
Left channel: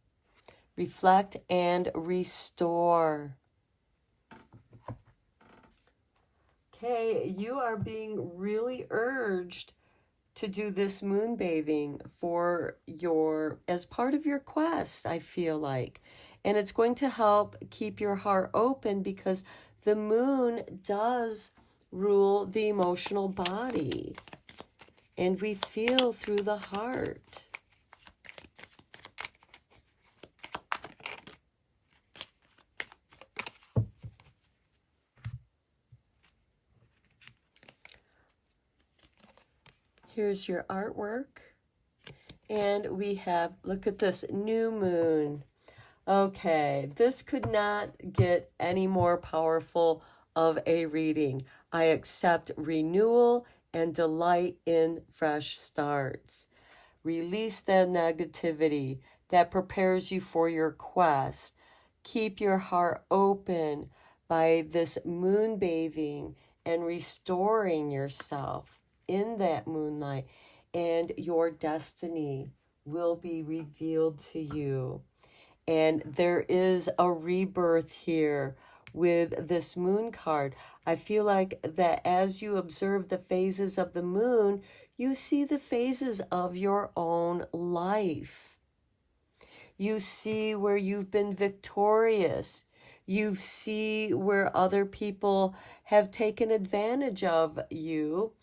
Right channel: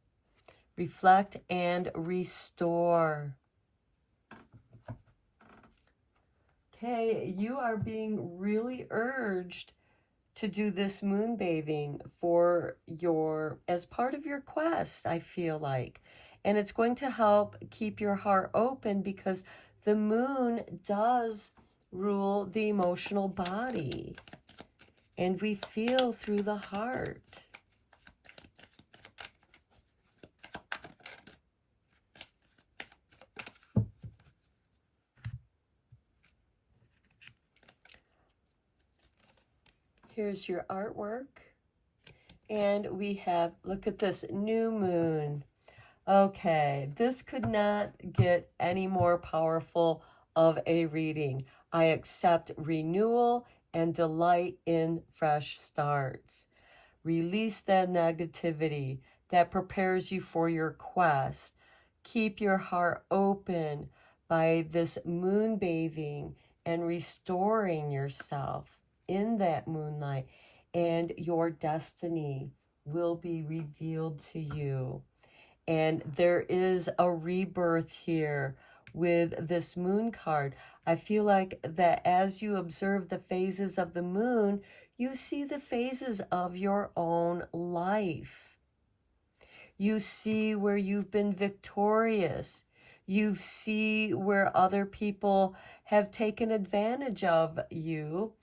Reflect and restore. Okay, you are being really urged to do this moon bathing for as part of your quest, I feel like. And it's going to help keep your heart open because the moon does rule the emotional body. And we feel through the heart. Here's your artwork. And we have, look at this, new moon. Okay, this could not get any more powerful of a reading. I accept renewal and delight in fresh starts. Release the negativity that prepares you for your quest. Keep your heart open by this moon bathing and restoring yourself in that moonlight, and your destiny will be revealed to you. And there is a rebirth here with this moon card. I feel like that as you observe the phases of the moon, you see the phases of your own life. You see where you've been victorious. You see where other people have taken advantage of you,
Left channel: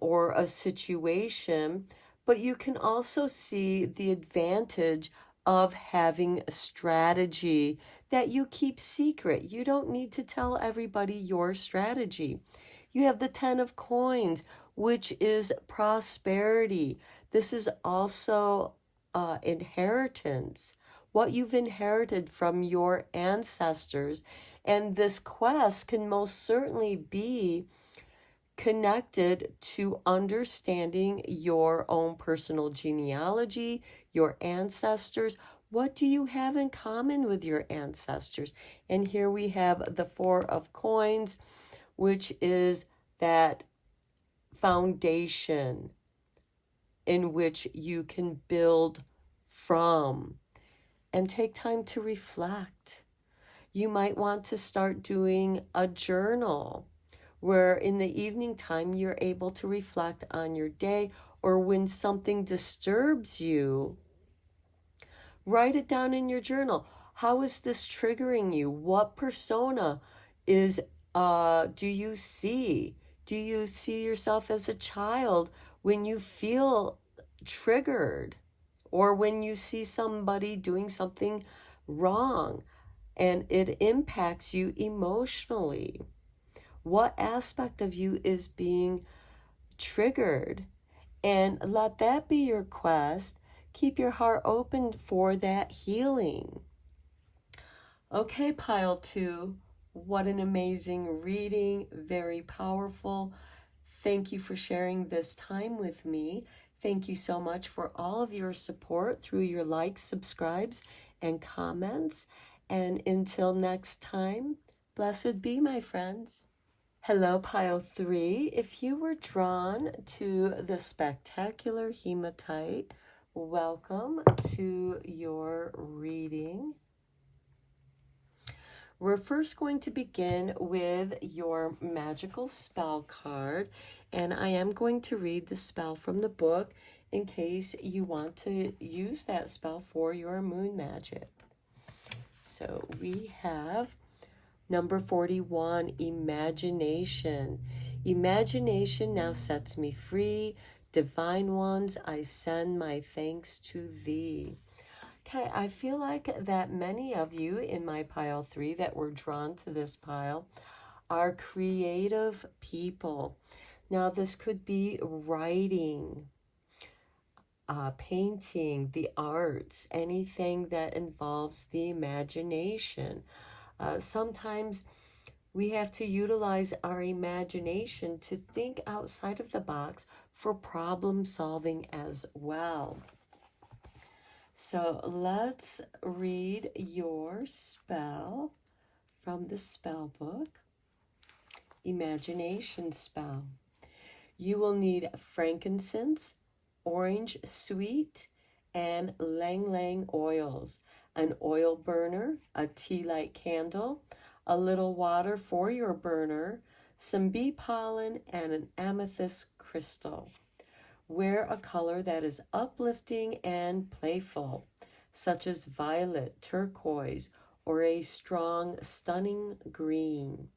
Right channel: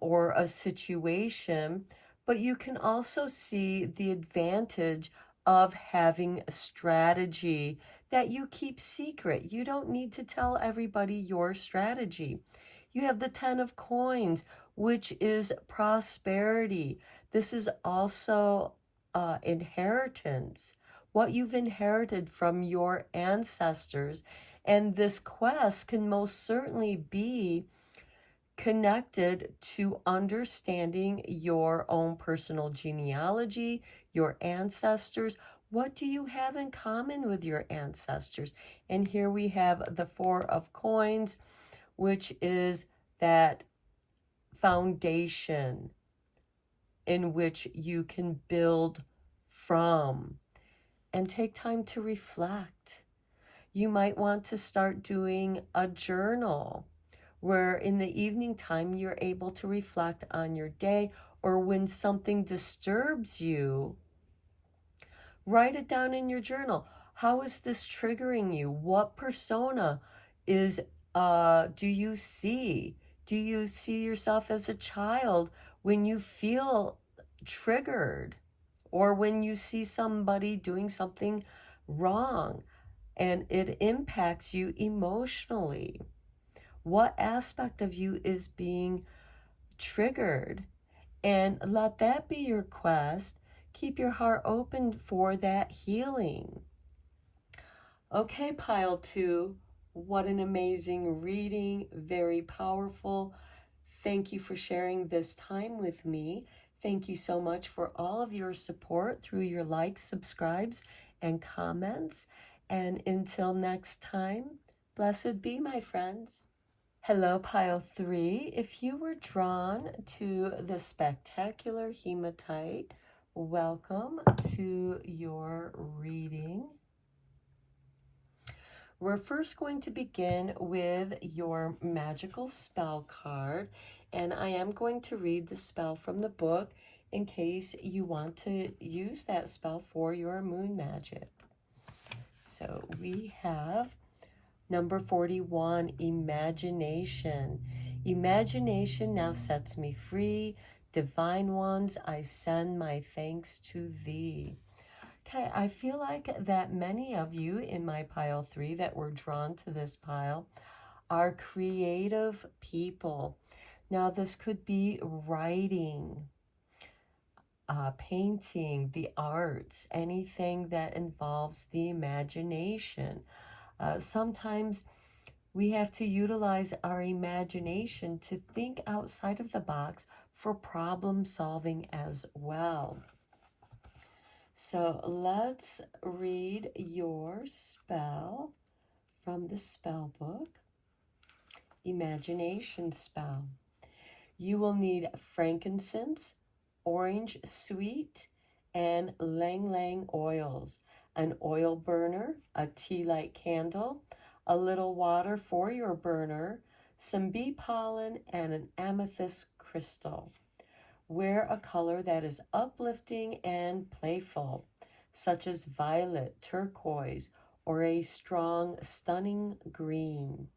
or a situation, but you can also see the advantage of having a strategy that you keep secret. You don't need to tell everybody your strategy. You have the 10 of coins, which is prosperity. This is also inheritance, what you've inherited from your ancestors. And this quest can most certainly be connected to understanding your own personal genealogy, your ancestors. What do you have in common with your ancestors? And here we have the 4 of coins, which is that foundation in which you can build from. And take time to reflect. You might want to start doing a journal where in the evening time you're able to reflect on your day, or when something disturbs you, write it down in your journal. How is this triggering you? What persona is do you see? Do you see yourself as a child when you feel triggered, or when you see somebody doing something wrong and it impacts you emotionally? What aspect of you is being triggered? And let that be your quest. Keep your heart open for that healing. Okay, pile 2, what an amazing reading, very powerful. Thank you for sharing this time with me. Thank you so much for all of your support through your likes, subscribes, and comments. And until next time, blessed be, my friends. Hello, pile 3. If you were drawn to the spectacular hematite, welcome to your reading. We're first going to begin with your magical spell card, and I am going to read the spell from the book in case you want to use that spell for your moon magic. So we have number 41, imagination. Imagination now sets me free. Divine ones, I send my thanks to thee. Okay, I feel like that many of you in my pile 3 that were drawn to this pile are creative people. Now, this could be writing, painting, the arts, anything that involves the imagination. Sometimes we have to utilize our imagination to think outside of the box for problem solving as well. So let's read your spell from the spell book. Imagination spell. You will need frankincense, orange sweet, and lang lang oils, an oil burner, a tea light candle, a little water for your burner, some bee pollen, and an amethyst crystal. Wear a color that is uplifting and playful, such as violet, turquoise, or a strong, stunning green.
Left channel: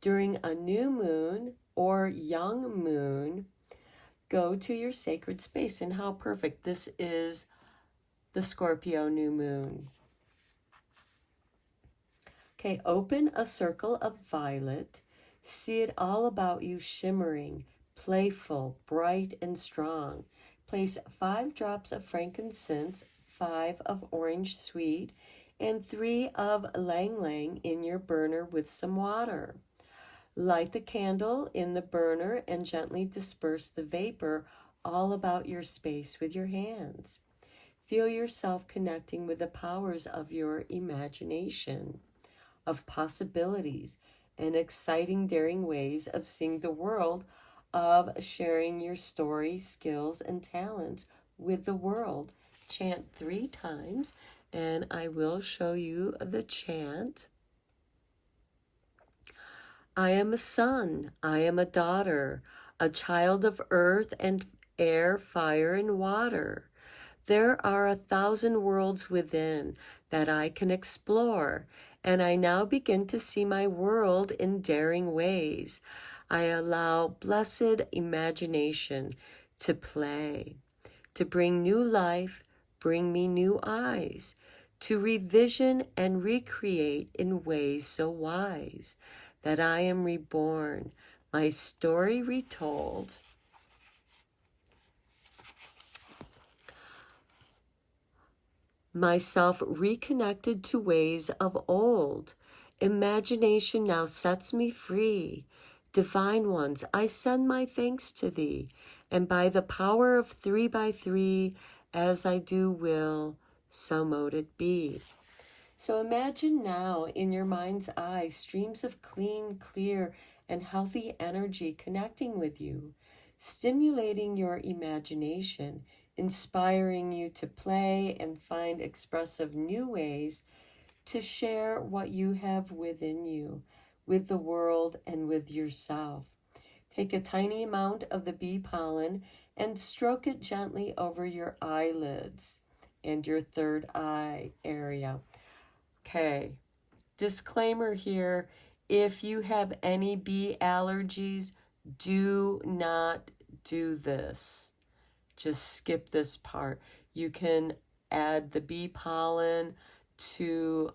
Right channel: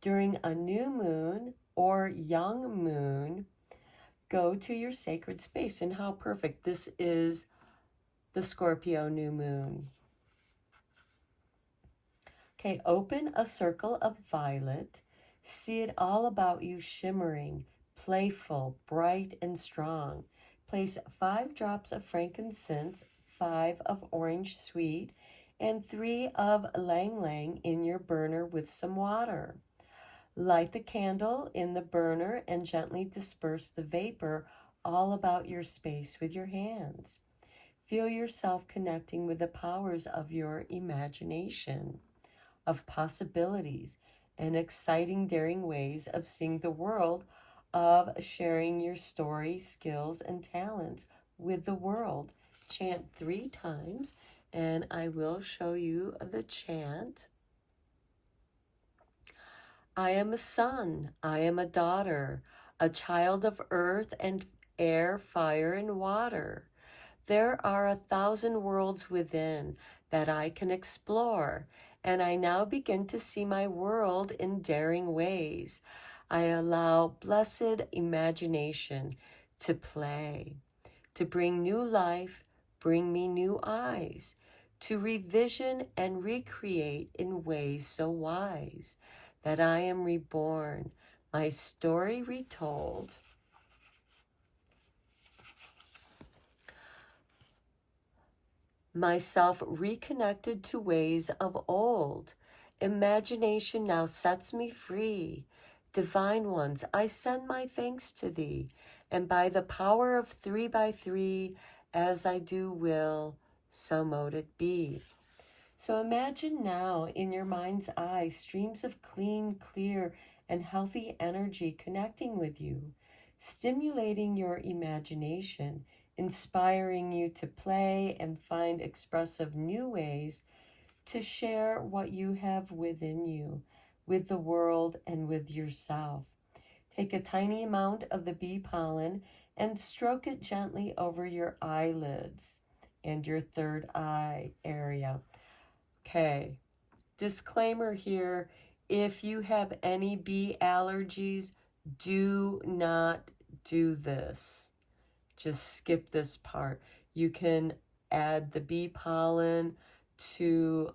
During a new moon or young moon, go to your sacred space. And how perfect. This is the Scorpio new moon. Okay, open a circle of violet. See it all about you shimmering. playful, bright, and strong. Place 5 drops of frankincense, 5 of orange sweet, and 3 of lang lang in your burner with some water. Light the candle in the burner and gently disperse the vapor all about your space with your hands. Feel yourself connecting with the powers of your imagination, of possibilities, and exciting, daring ways of seeing the world, of sharing your story, skills, and talents with the world. Chant 3 times, and I will show you the chant. I am a son, I am a daughter, a child of earth and air, fire, and water. There are 1,000 worlds within that I can explore, and I now begin to see my world in daring ways. I allow blessed imagination to play, to bring new life, bring me new eyes, to revision and recreate in ways so wise that I am reborn, my story retold. Myself reconnected to ways of old. Imagination now sets me free. Divine ones, I send my thanks to thee, and by the power of 3 by 3, as I do will, so mote it be. So imagine now in your mind's eye streams of clean, clear, and healthy energy connecting with you, stimulating your imagination, inspiring you to play and find expressive new ways to share what you have within you, with the world and with yourself. Take a tiny amount of the bee pollen and stroke it gently over your eyelids and your third eye area. Okay, disclaimer here, if you have any bee allergies, do not do this. Just skip this part. You can add the bee pollen to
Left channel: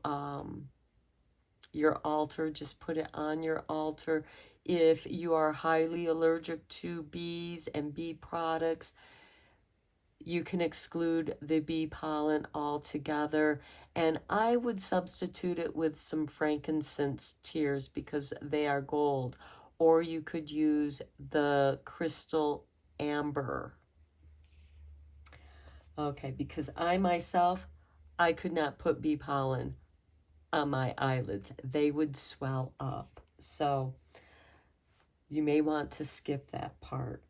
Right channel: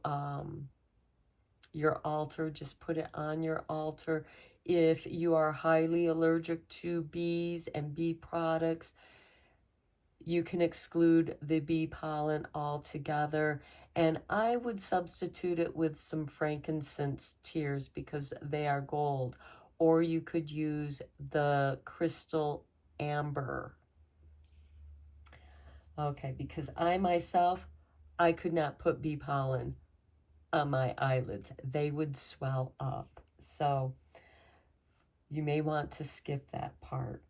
your altar. Just put it on your altar. If you are highly allergic to bees and bee products, you can exclude the bee pollen altogether. And I would substitute it with some frankincense tears because they are gold. Or you could use the crystal amber. Okay, because I myself, I could not put bee pollen on my eyelids. They would swell up. So you may want to skip that part.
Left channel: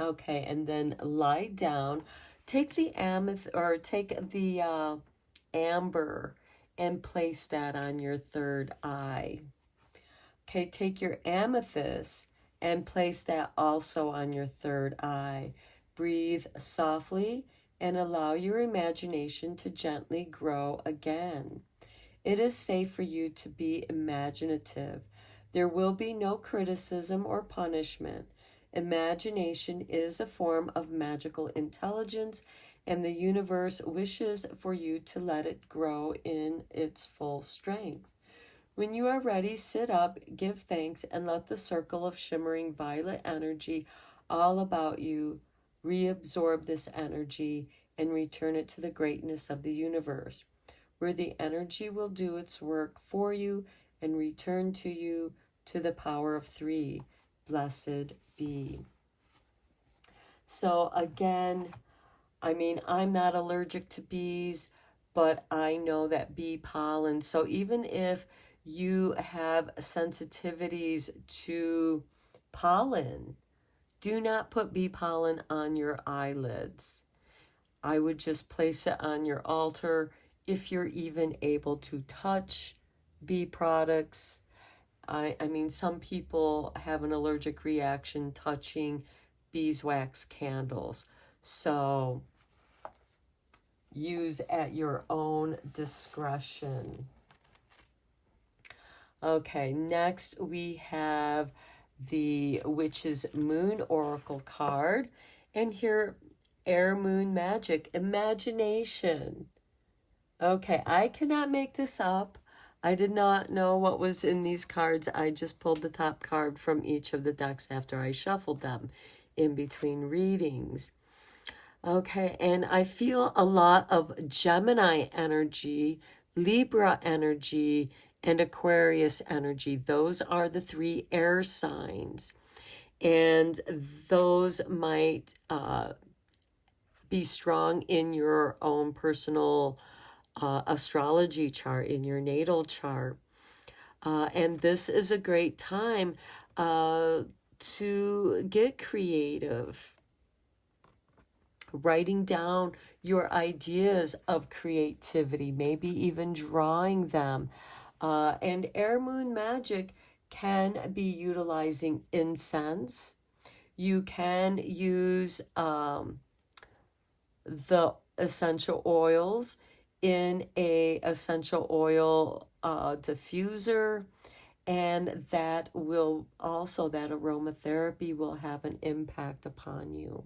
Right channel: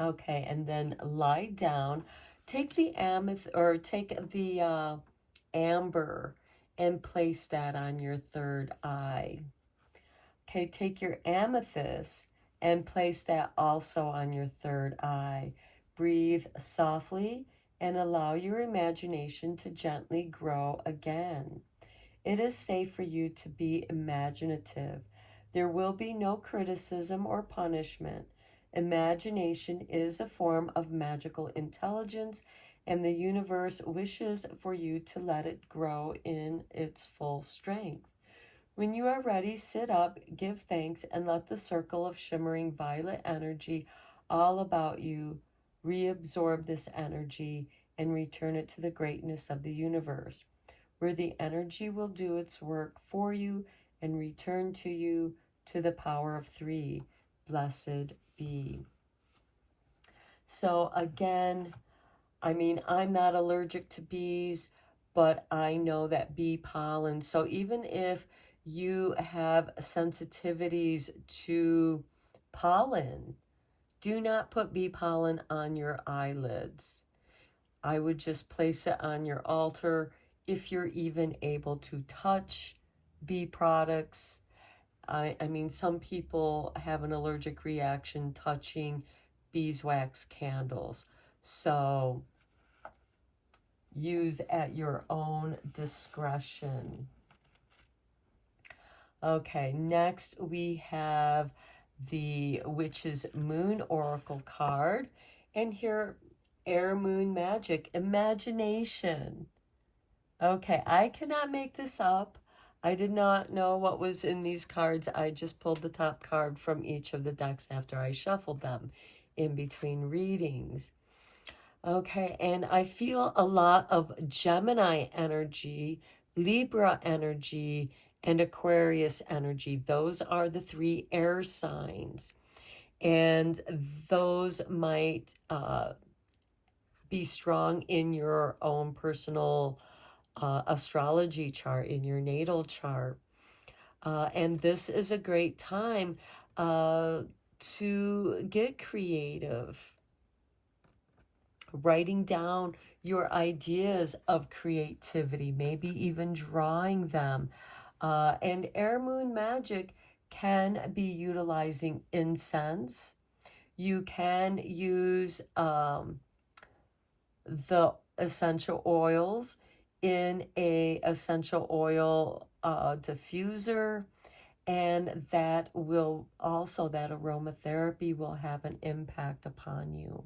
Okay, and then lie down. Take the amber and place that on your third eye. Okay, take your amethyst and place that also on your third eye. Breathe softly and allow your imagination to gently grow again. It is safe for you to be imaginative. There will be no criticism or punishment. Imagination is a form of magical intelligence, and the universe wishes for you to let it grow in its full strength. When you are ready, sit up, give thanks, and let the circle of shimmering violet energy all about you reabsorb this energy and return it to the greatness of the universe, where the energy will do its work for you and return to you to the power of 3. Blessed be. So again, I mean, I'm not allergic to bees, but I know that bee pollen. So even if you have sensitivities to pollen, do not put bee pollen on your eyelids. I would just place it on your altar if you're even able to touch bee products. I mean, some people have an allergic reaction touching beeswax candles. So use at your own discretion. Okay, next we have the Witch's Moon Oracle card. And here, Air Moon Magic, imagination. Okay, I cannot make this up. I did not know what was in these cards. I just pulled the top card from each of the decks after I shuffled them in between readings. Okay, and I feel a lot of Gemini energy, Libra energy, and Aquarius energy. Those are the three air signs. And those might be strong in your own personal astrology chart, in your natal chart. And this is a great time to get creative, writing down your ideas of creativity, maybe even drawing them. And air moon magic can be utilizing incense. You can use the essential oils in a essential oil diffuser, and that will also, that aromatherapy will have an impact upon you.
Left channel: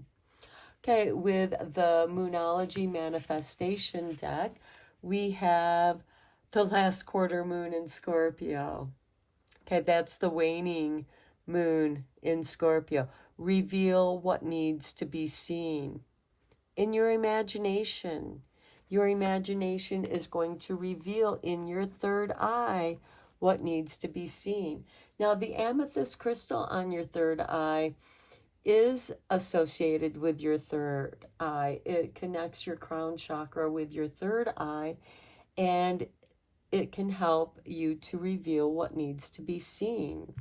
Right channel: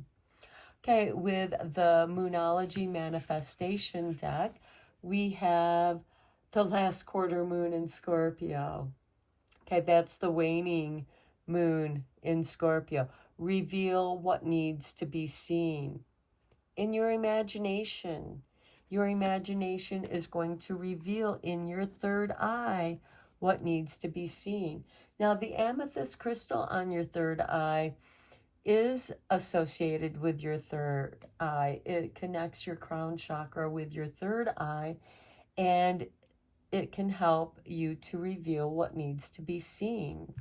Okay, with the Moonology Manifestation deck, we have the last quarter moon in Scorpio. Okay, that's the waning moon in Scorpio. Reveal what needs to be seen in your imagination. Your imagination is going to reveal in your third eye what needs to be seen. Now, the amethyst crystal on your third eye is associated with your third eye. It connects your crown chakra with your third eye, and it can help you to reveal what needs to be seen.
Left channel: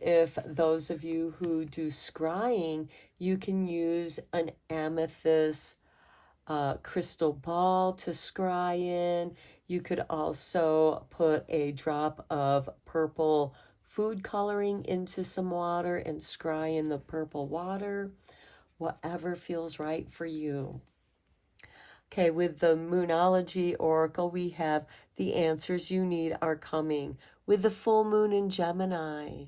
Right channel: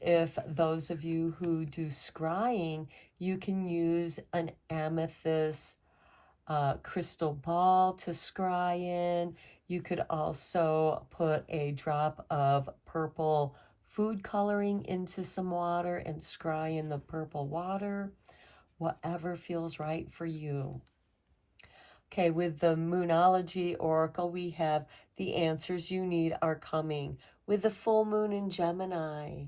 If those of you who do scrying, you can use an amethyst crystal ball to scry in. You could also put a drop of purple food coloring into some water and scry in the purple water, whatever feels right for you. Okay, with the Moonology Oracle, we have the answers you need are coming with the full moon in Gemini.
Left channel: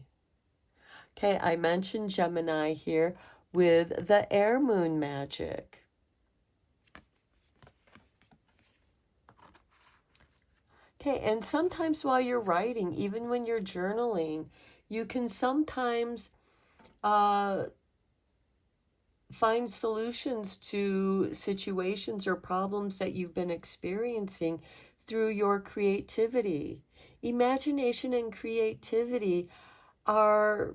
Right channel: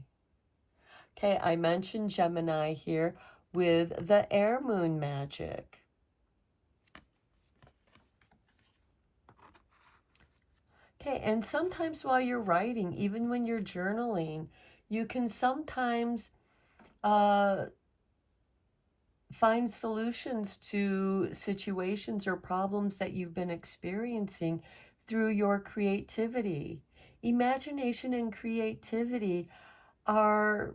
Okay, I mentioned Gemini here with the air moon magic. Okay, and sometimes while you're writing, even when you're journaling, you can sometimes find solutions to situations or problems that you've been experiencing through your creativity. Imagination and creativity are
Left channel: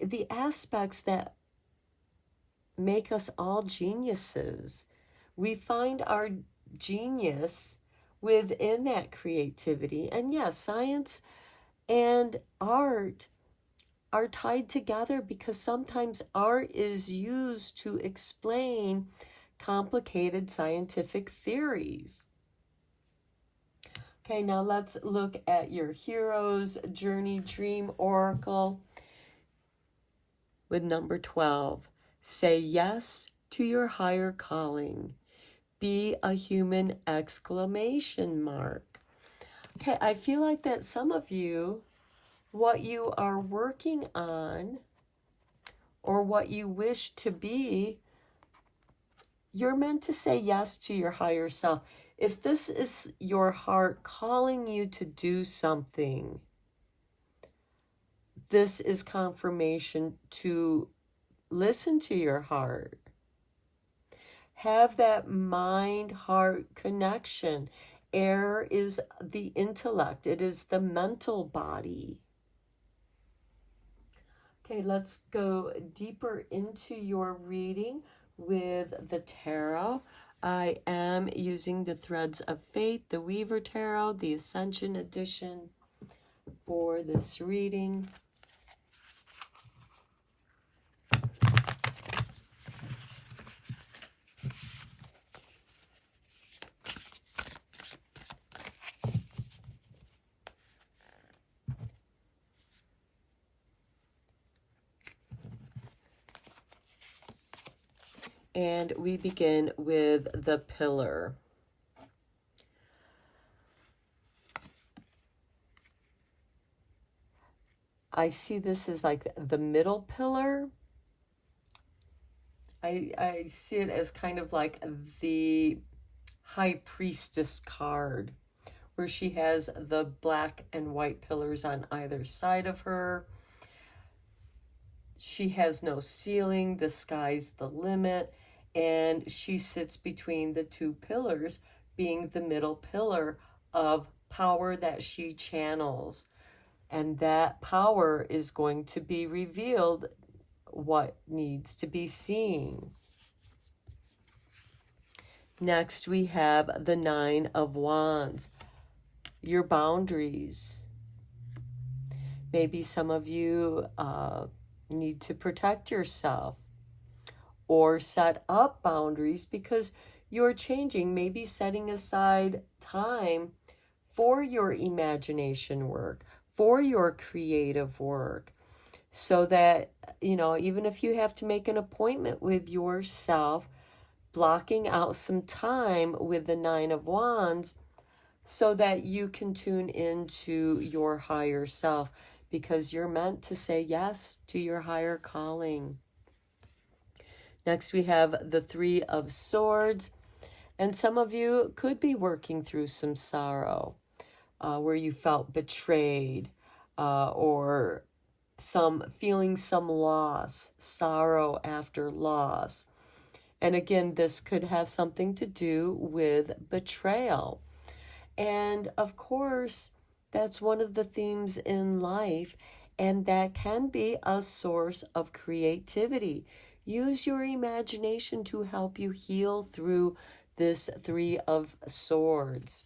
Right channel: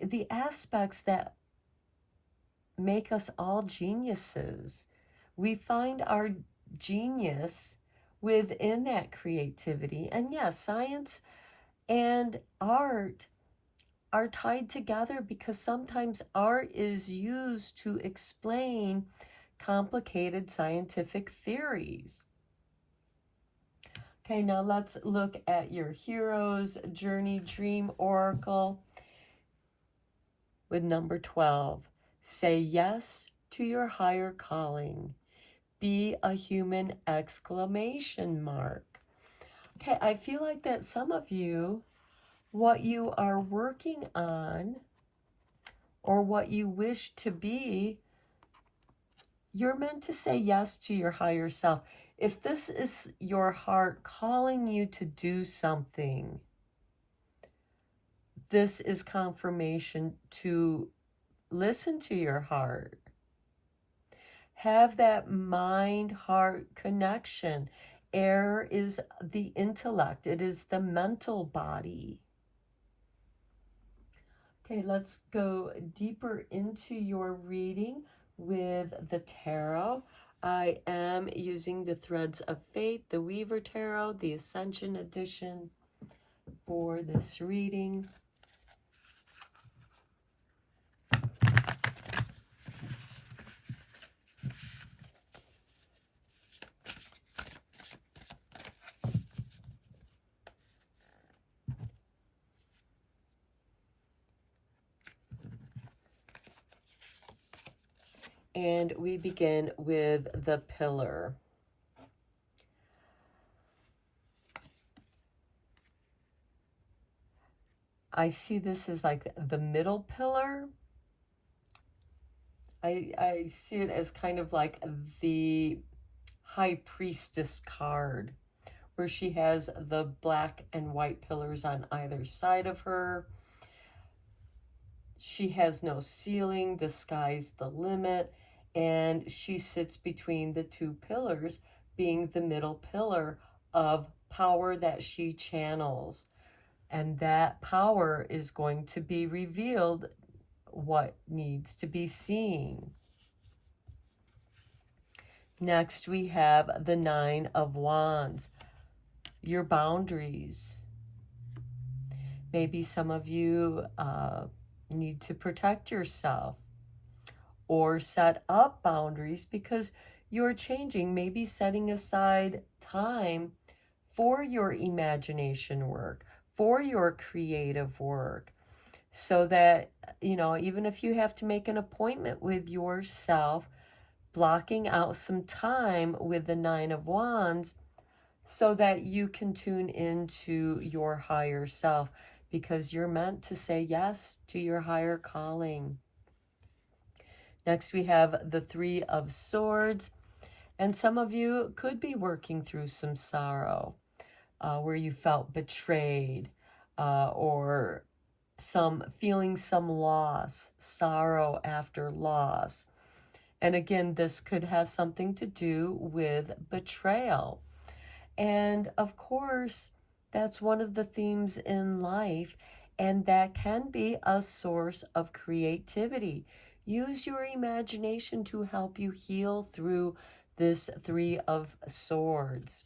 the aspects that make us all geniuses. We find our genius within that creativity. And yes, science and art are tied together because sometimes art is used to explain complicated scientific theories. Okay, now let's look at your Hero's Journey Dream Oracle with number 12. Say yes to your higher calling. Be a human, exclamation mark. Okay, I feel like that some of you, what you are working on or what you wish to be, you're meant to say yes to your higher self. If this is your heart calling you to do something, this is confirmation to listen to your heart. Have that mind-heart connection. Air is the intellect. It is the mental body. Okay, let's go deeper into your reading with the tarot. I am using the Threads of Fate, the Weaver Tarot, the Ascension Edition for this reading. And we begin with the Pillar. I see this as like the middle pillar. I see it as kind of like the High Priestess card, where she has the black and white pillars on either side of her. She has no ceiling, the sky's the limit, and she sits between the two pillars, being the middle pillar of power that she channels. And that power is going to be revealed what needs to be seen. Next, we have the Nine of Wands, your boundaries. Maybe some of you need to protect yourself or set up boundaries because you're changing, maybe setting aside time for your imagination work, for your creative work, so that, you know, even if you have to make an appointment with yourself, blocking out some time with the Nine of Wands so that you can tune into your higher self, because you're meant to say yes to your higher calling. Next, we have the Three of Swords, and some of you could be working through some sorrow where you felt betrayed or feeling some loss, sorrow after loss. And again, this could have something to do with betrayal. And of course, that's one of the themes in life, and that can be a source of creativity. Use your imagination to help you heal through this Three of Swords.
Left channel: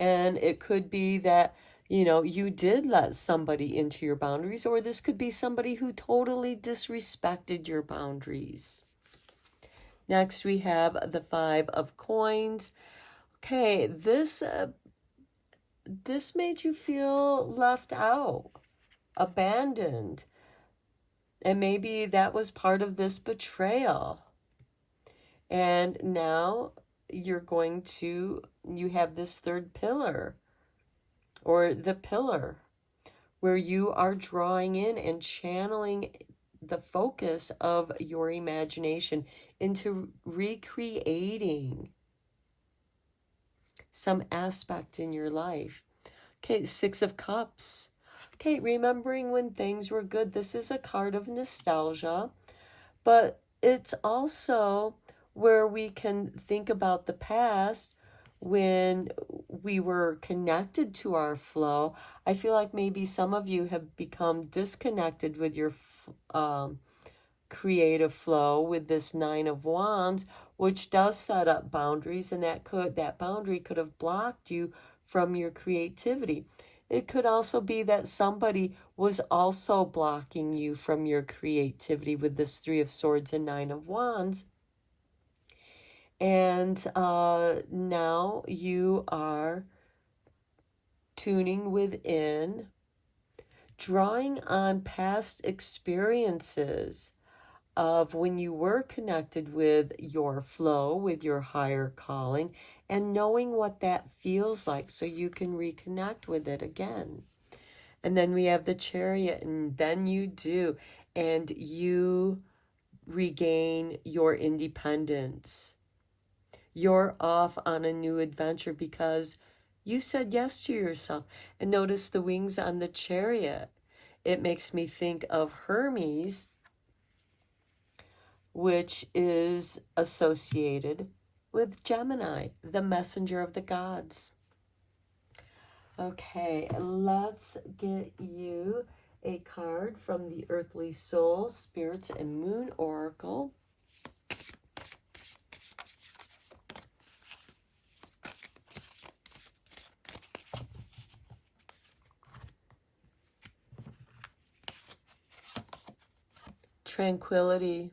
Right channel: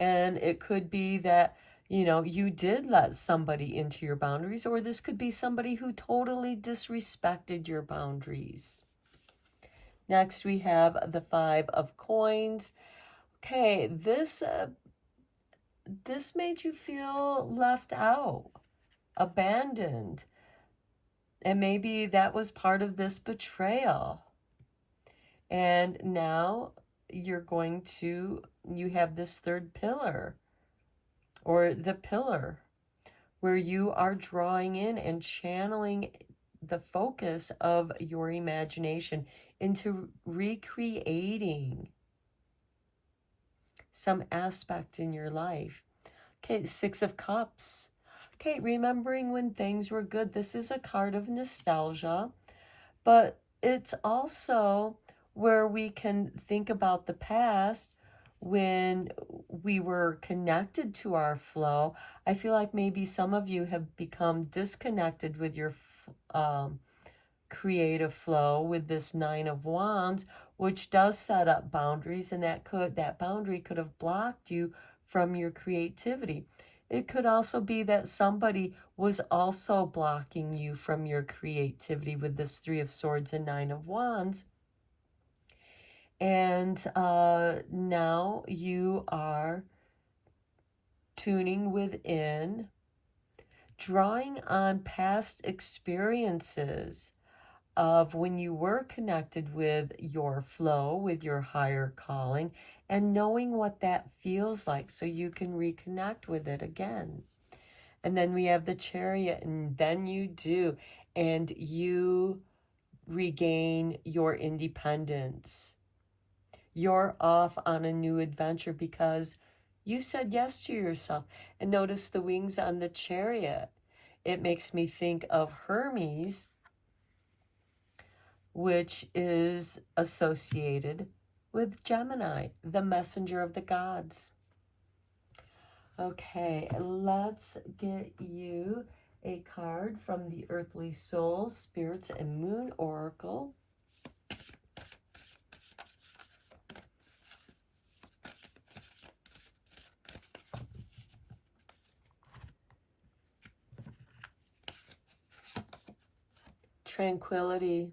And it could be that, you know, you did let somebody into your boundaries, or this could be somebody who totally disrespected your boundaries. Next, we have the Five of Coins. Okay, this made you feel left out, abandoned, and maybe that was part of this betrayal. And now you have this third pillar, or the pillar, where you are drawing in and channeling the focus of your imagination into recreating some aspect in your life. Okay, Six of Cups. Okay, remembering when things were good. This is a card of nostalgia, but it's also where we can think about the past when we were connected to our flow. I feel like maybe some of you have become disconnected with your creative flow with this Nine of Wands, which does set up boundaries, and that boundary could have blocked you from your creativity. It could also be that somebody was also blocking you from your creativity with this Three of Swords and Nine of Wands. And now you are tuning within, drawing on past experiences of when you were connected with your flow, with your higher calling, and knowing what that feels like so you can reconnect with it again. And then we have the Chariot, and then you do, and you regain your independence. You're off on a new adventure because you said yes to yourself. And notice the wings on the Chariot. It makes me think of Hermes, which is associated with Gemini, the messenger of the gods. Okay, let's get you a card from the Earthly Soul, Spirits and Moon Oracle. Tranquility.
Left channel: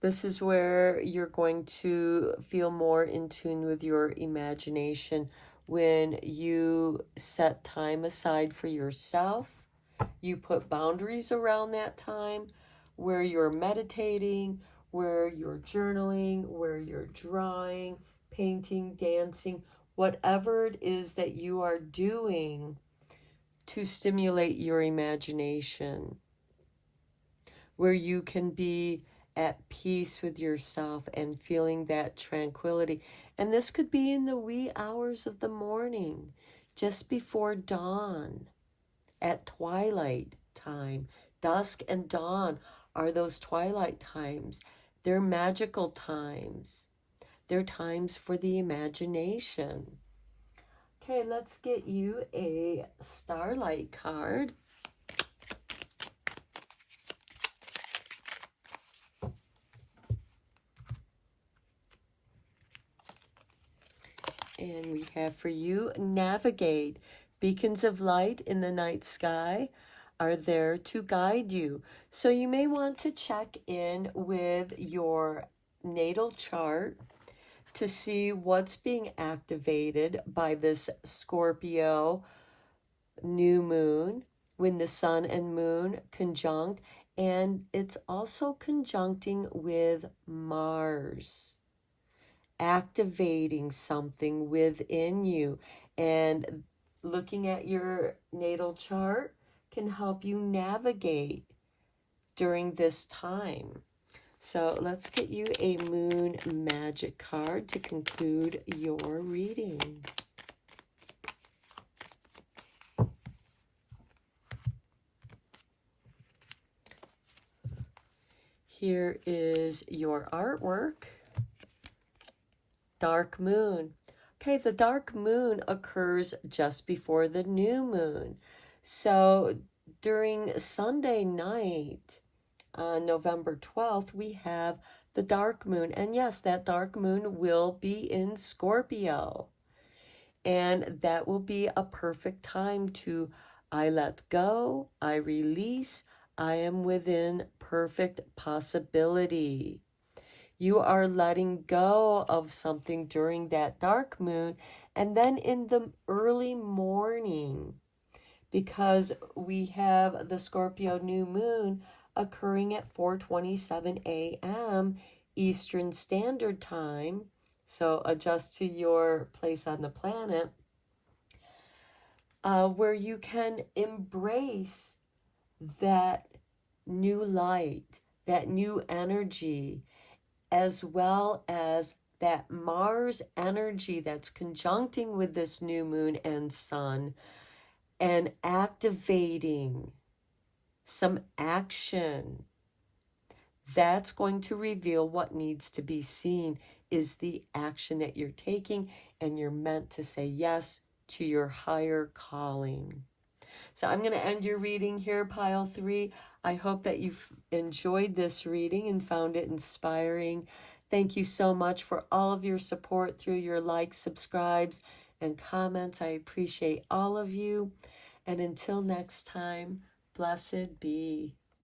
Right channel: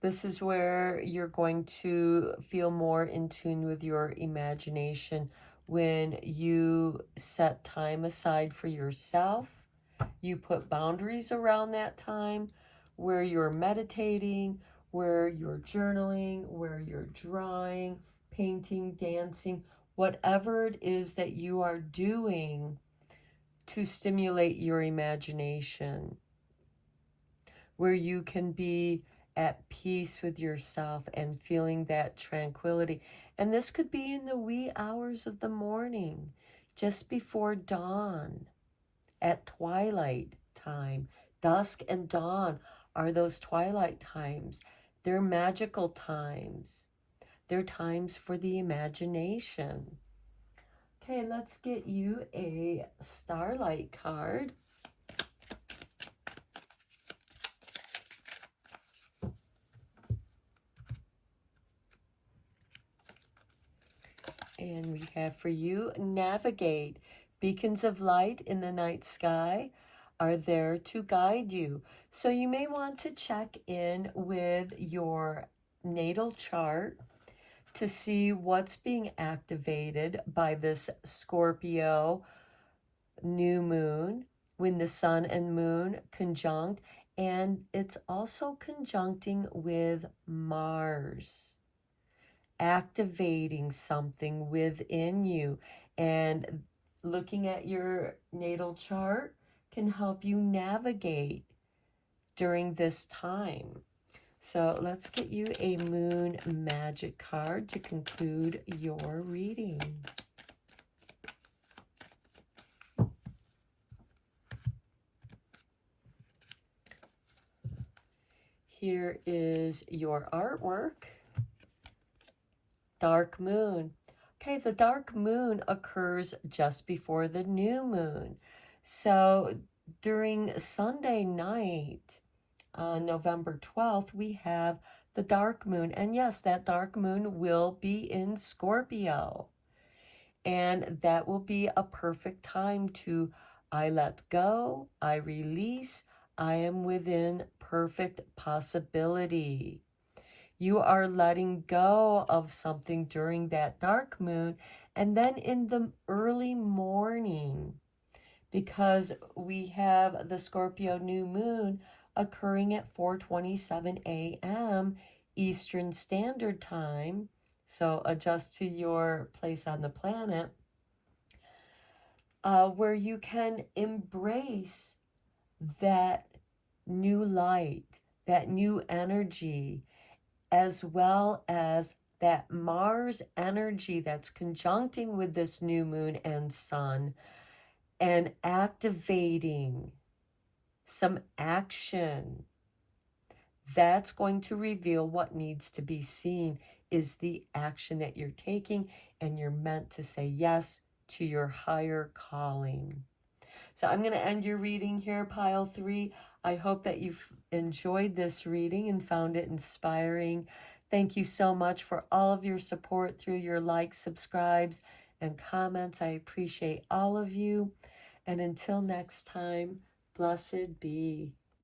This is where you're going to feel more in tune with your imagination when you set time aside for yourself. You put boundaries around that time where you're meditating, where you're journaling, where you're drawing, painting, dancing, whatever it is that you are doing to stimulate your imagination, where you can be at peace with yourself and feeling that tranquility. And this could be in the wee hours of the morning, just before dawn, at twilight time. Dusk and dawn are those twilight times. They're magical times. They're times for the imagination. Okay, let's get you a starlight card. And we have for you, navigate. Beacons of light in the night sky are there to guide you. So you may want to check in with your natal chart to see what's being activated by this Scorpio new moon when the sun and moon conjunct, and it's also conjuncting with Mars, activating something within you. And looking at your natal chart can help you navigate during this time. So let's get you a moon magic card to conclude your reading. Here is your artwork. Dark moon. Okay, the dark moon occurs just before the new moon. So during Sunday night, on November 12th, we have the dark moon. And yes, that dark moon will be in Scorpio. And that will be a perfect time to, I let go, I release, I am within perfect possibility. You are letting go of something during that dark moon, and then in the early morning, because we have the Scorpio new moon occurring at 4:27 a.m. Eastern Standard Time, so adjust to your place on the planet, where you can embrace that new light, that new energy, as well as that Mars energy that's conjuncting with this new moon and sun, and activating some action. That's going to reveal what needs to be seen is the action that you're taking, and you're meant to say yes to your higher calling. So I'm going to end your reading here, Pile 3. I hope that you've enjoyed this reading and found it inspiring. Thank you so much for all of your support through your likes, subscribes, and comments. I appreciate all of you. And until next time, blessed be.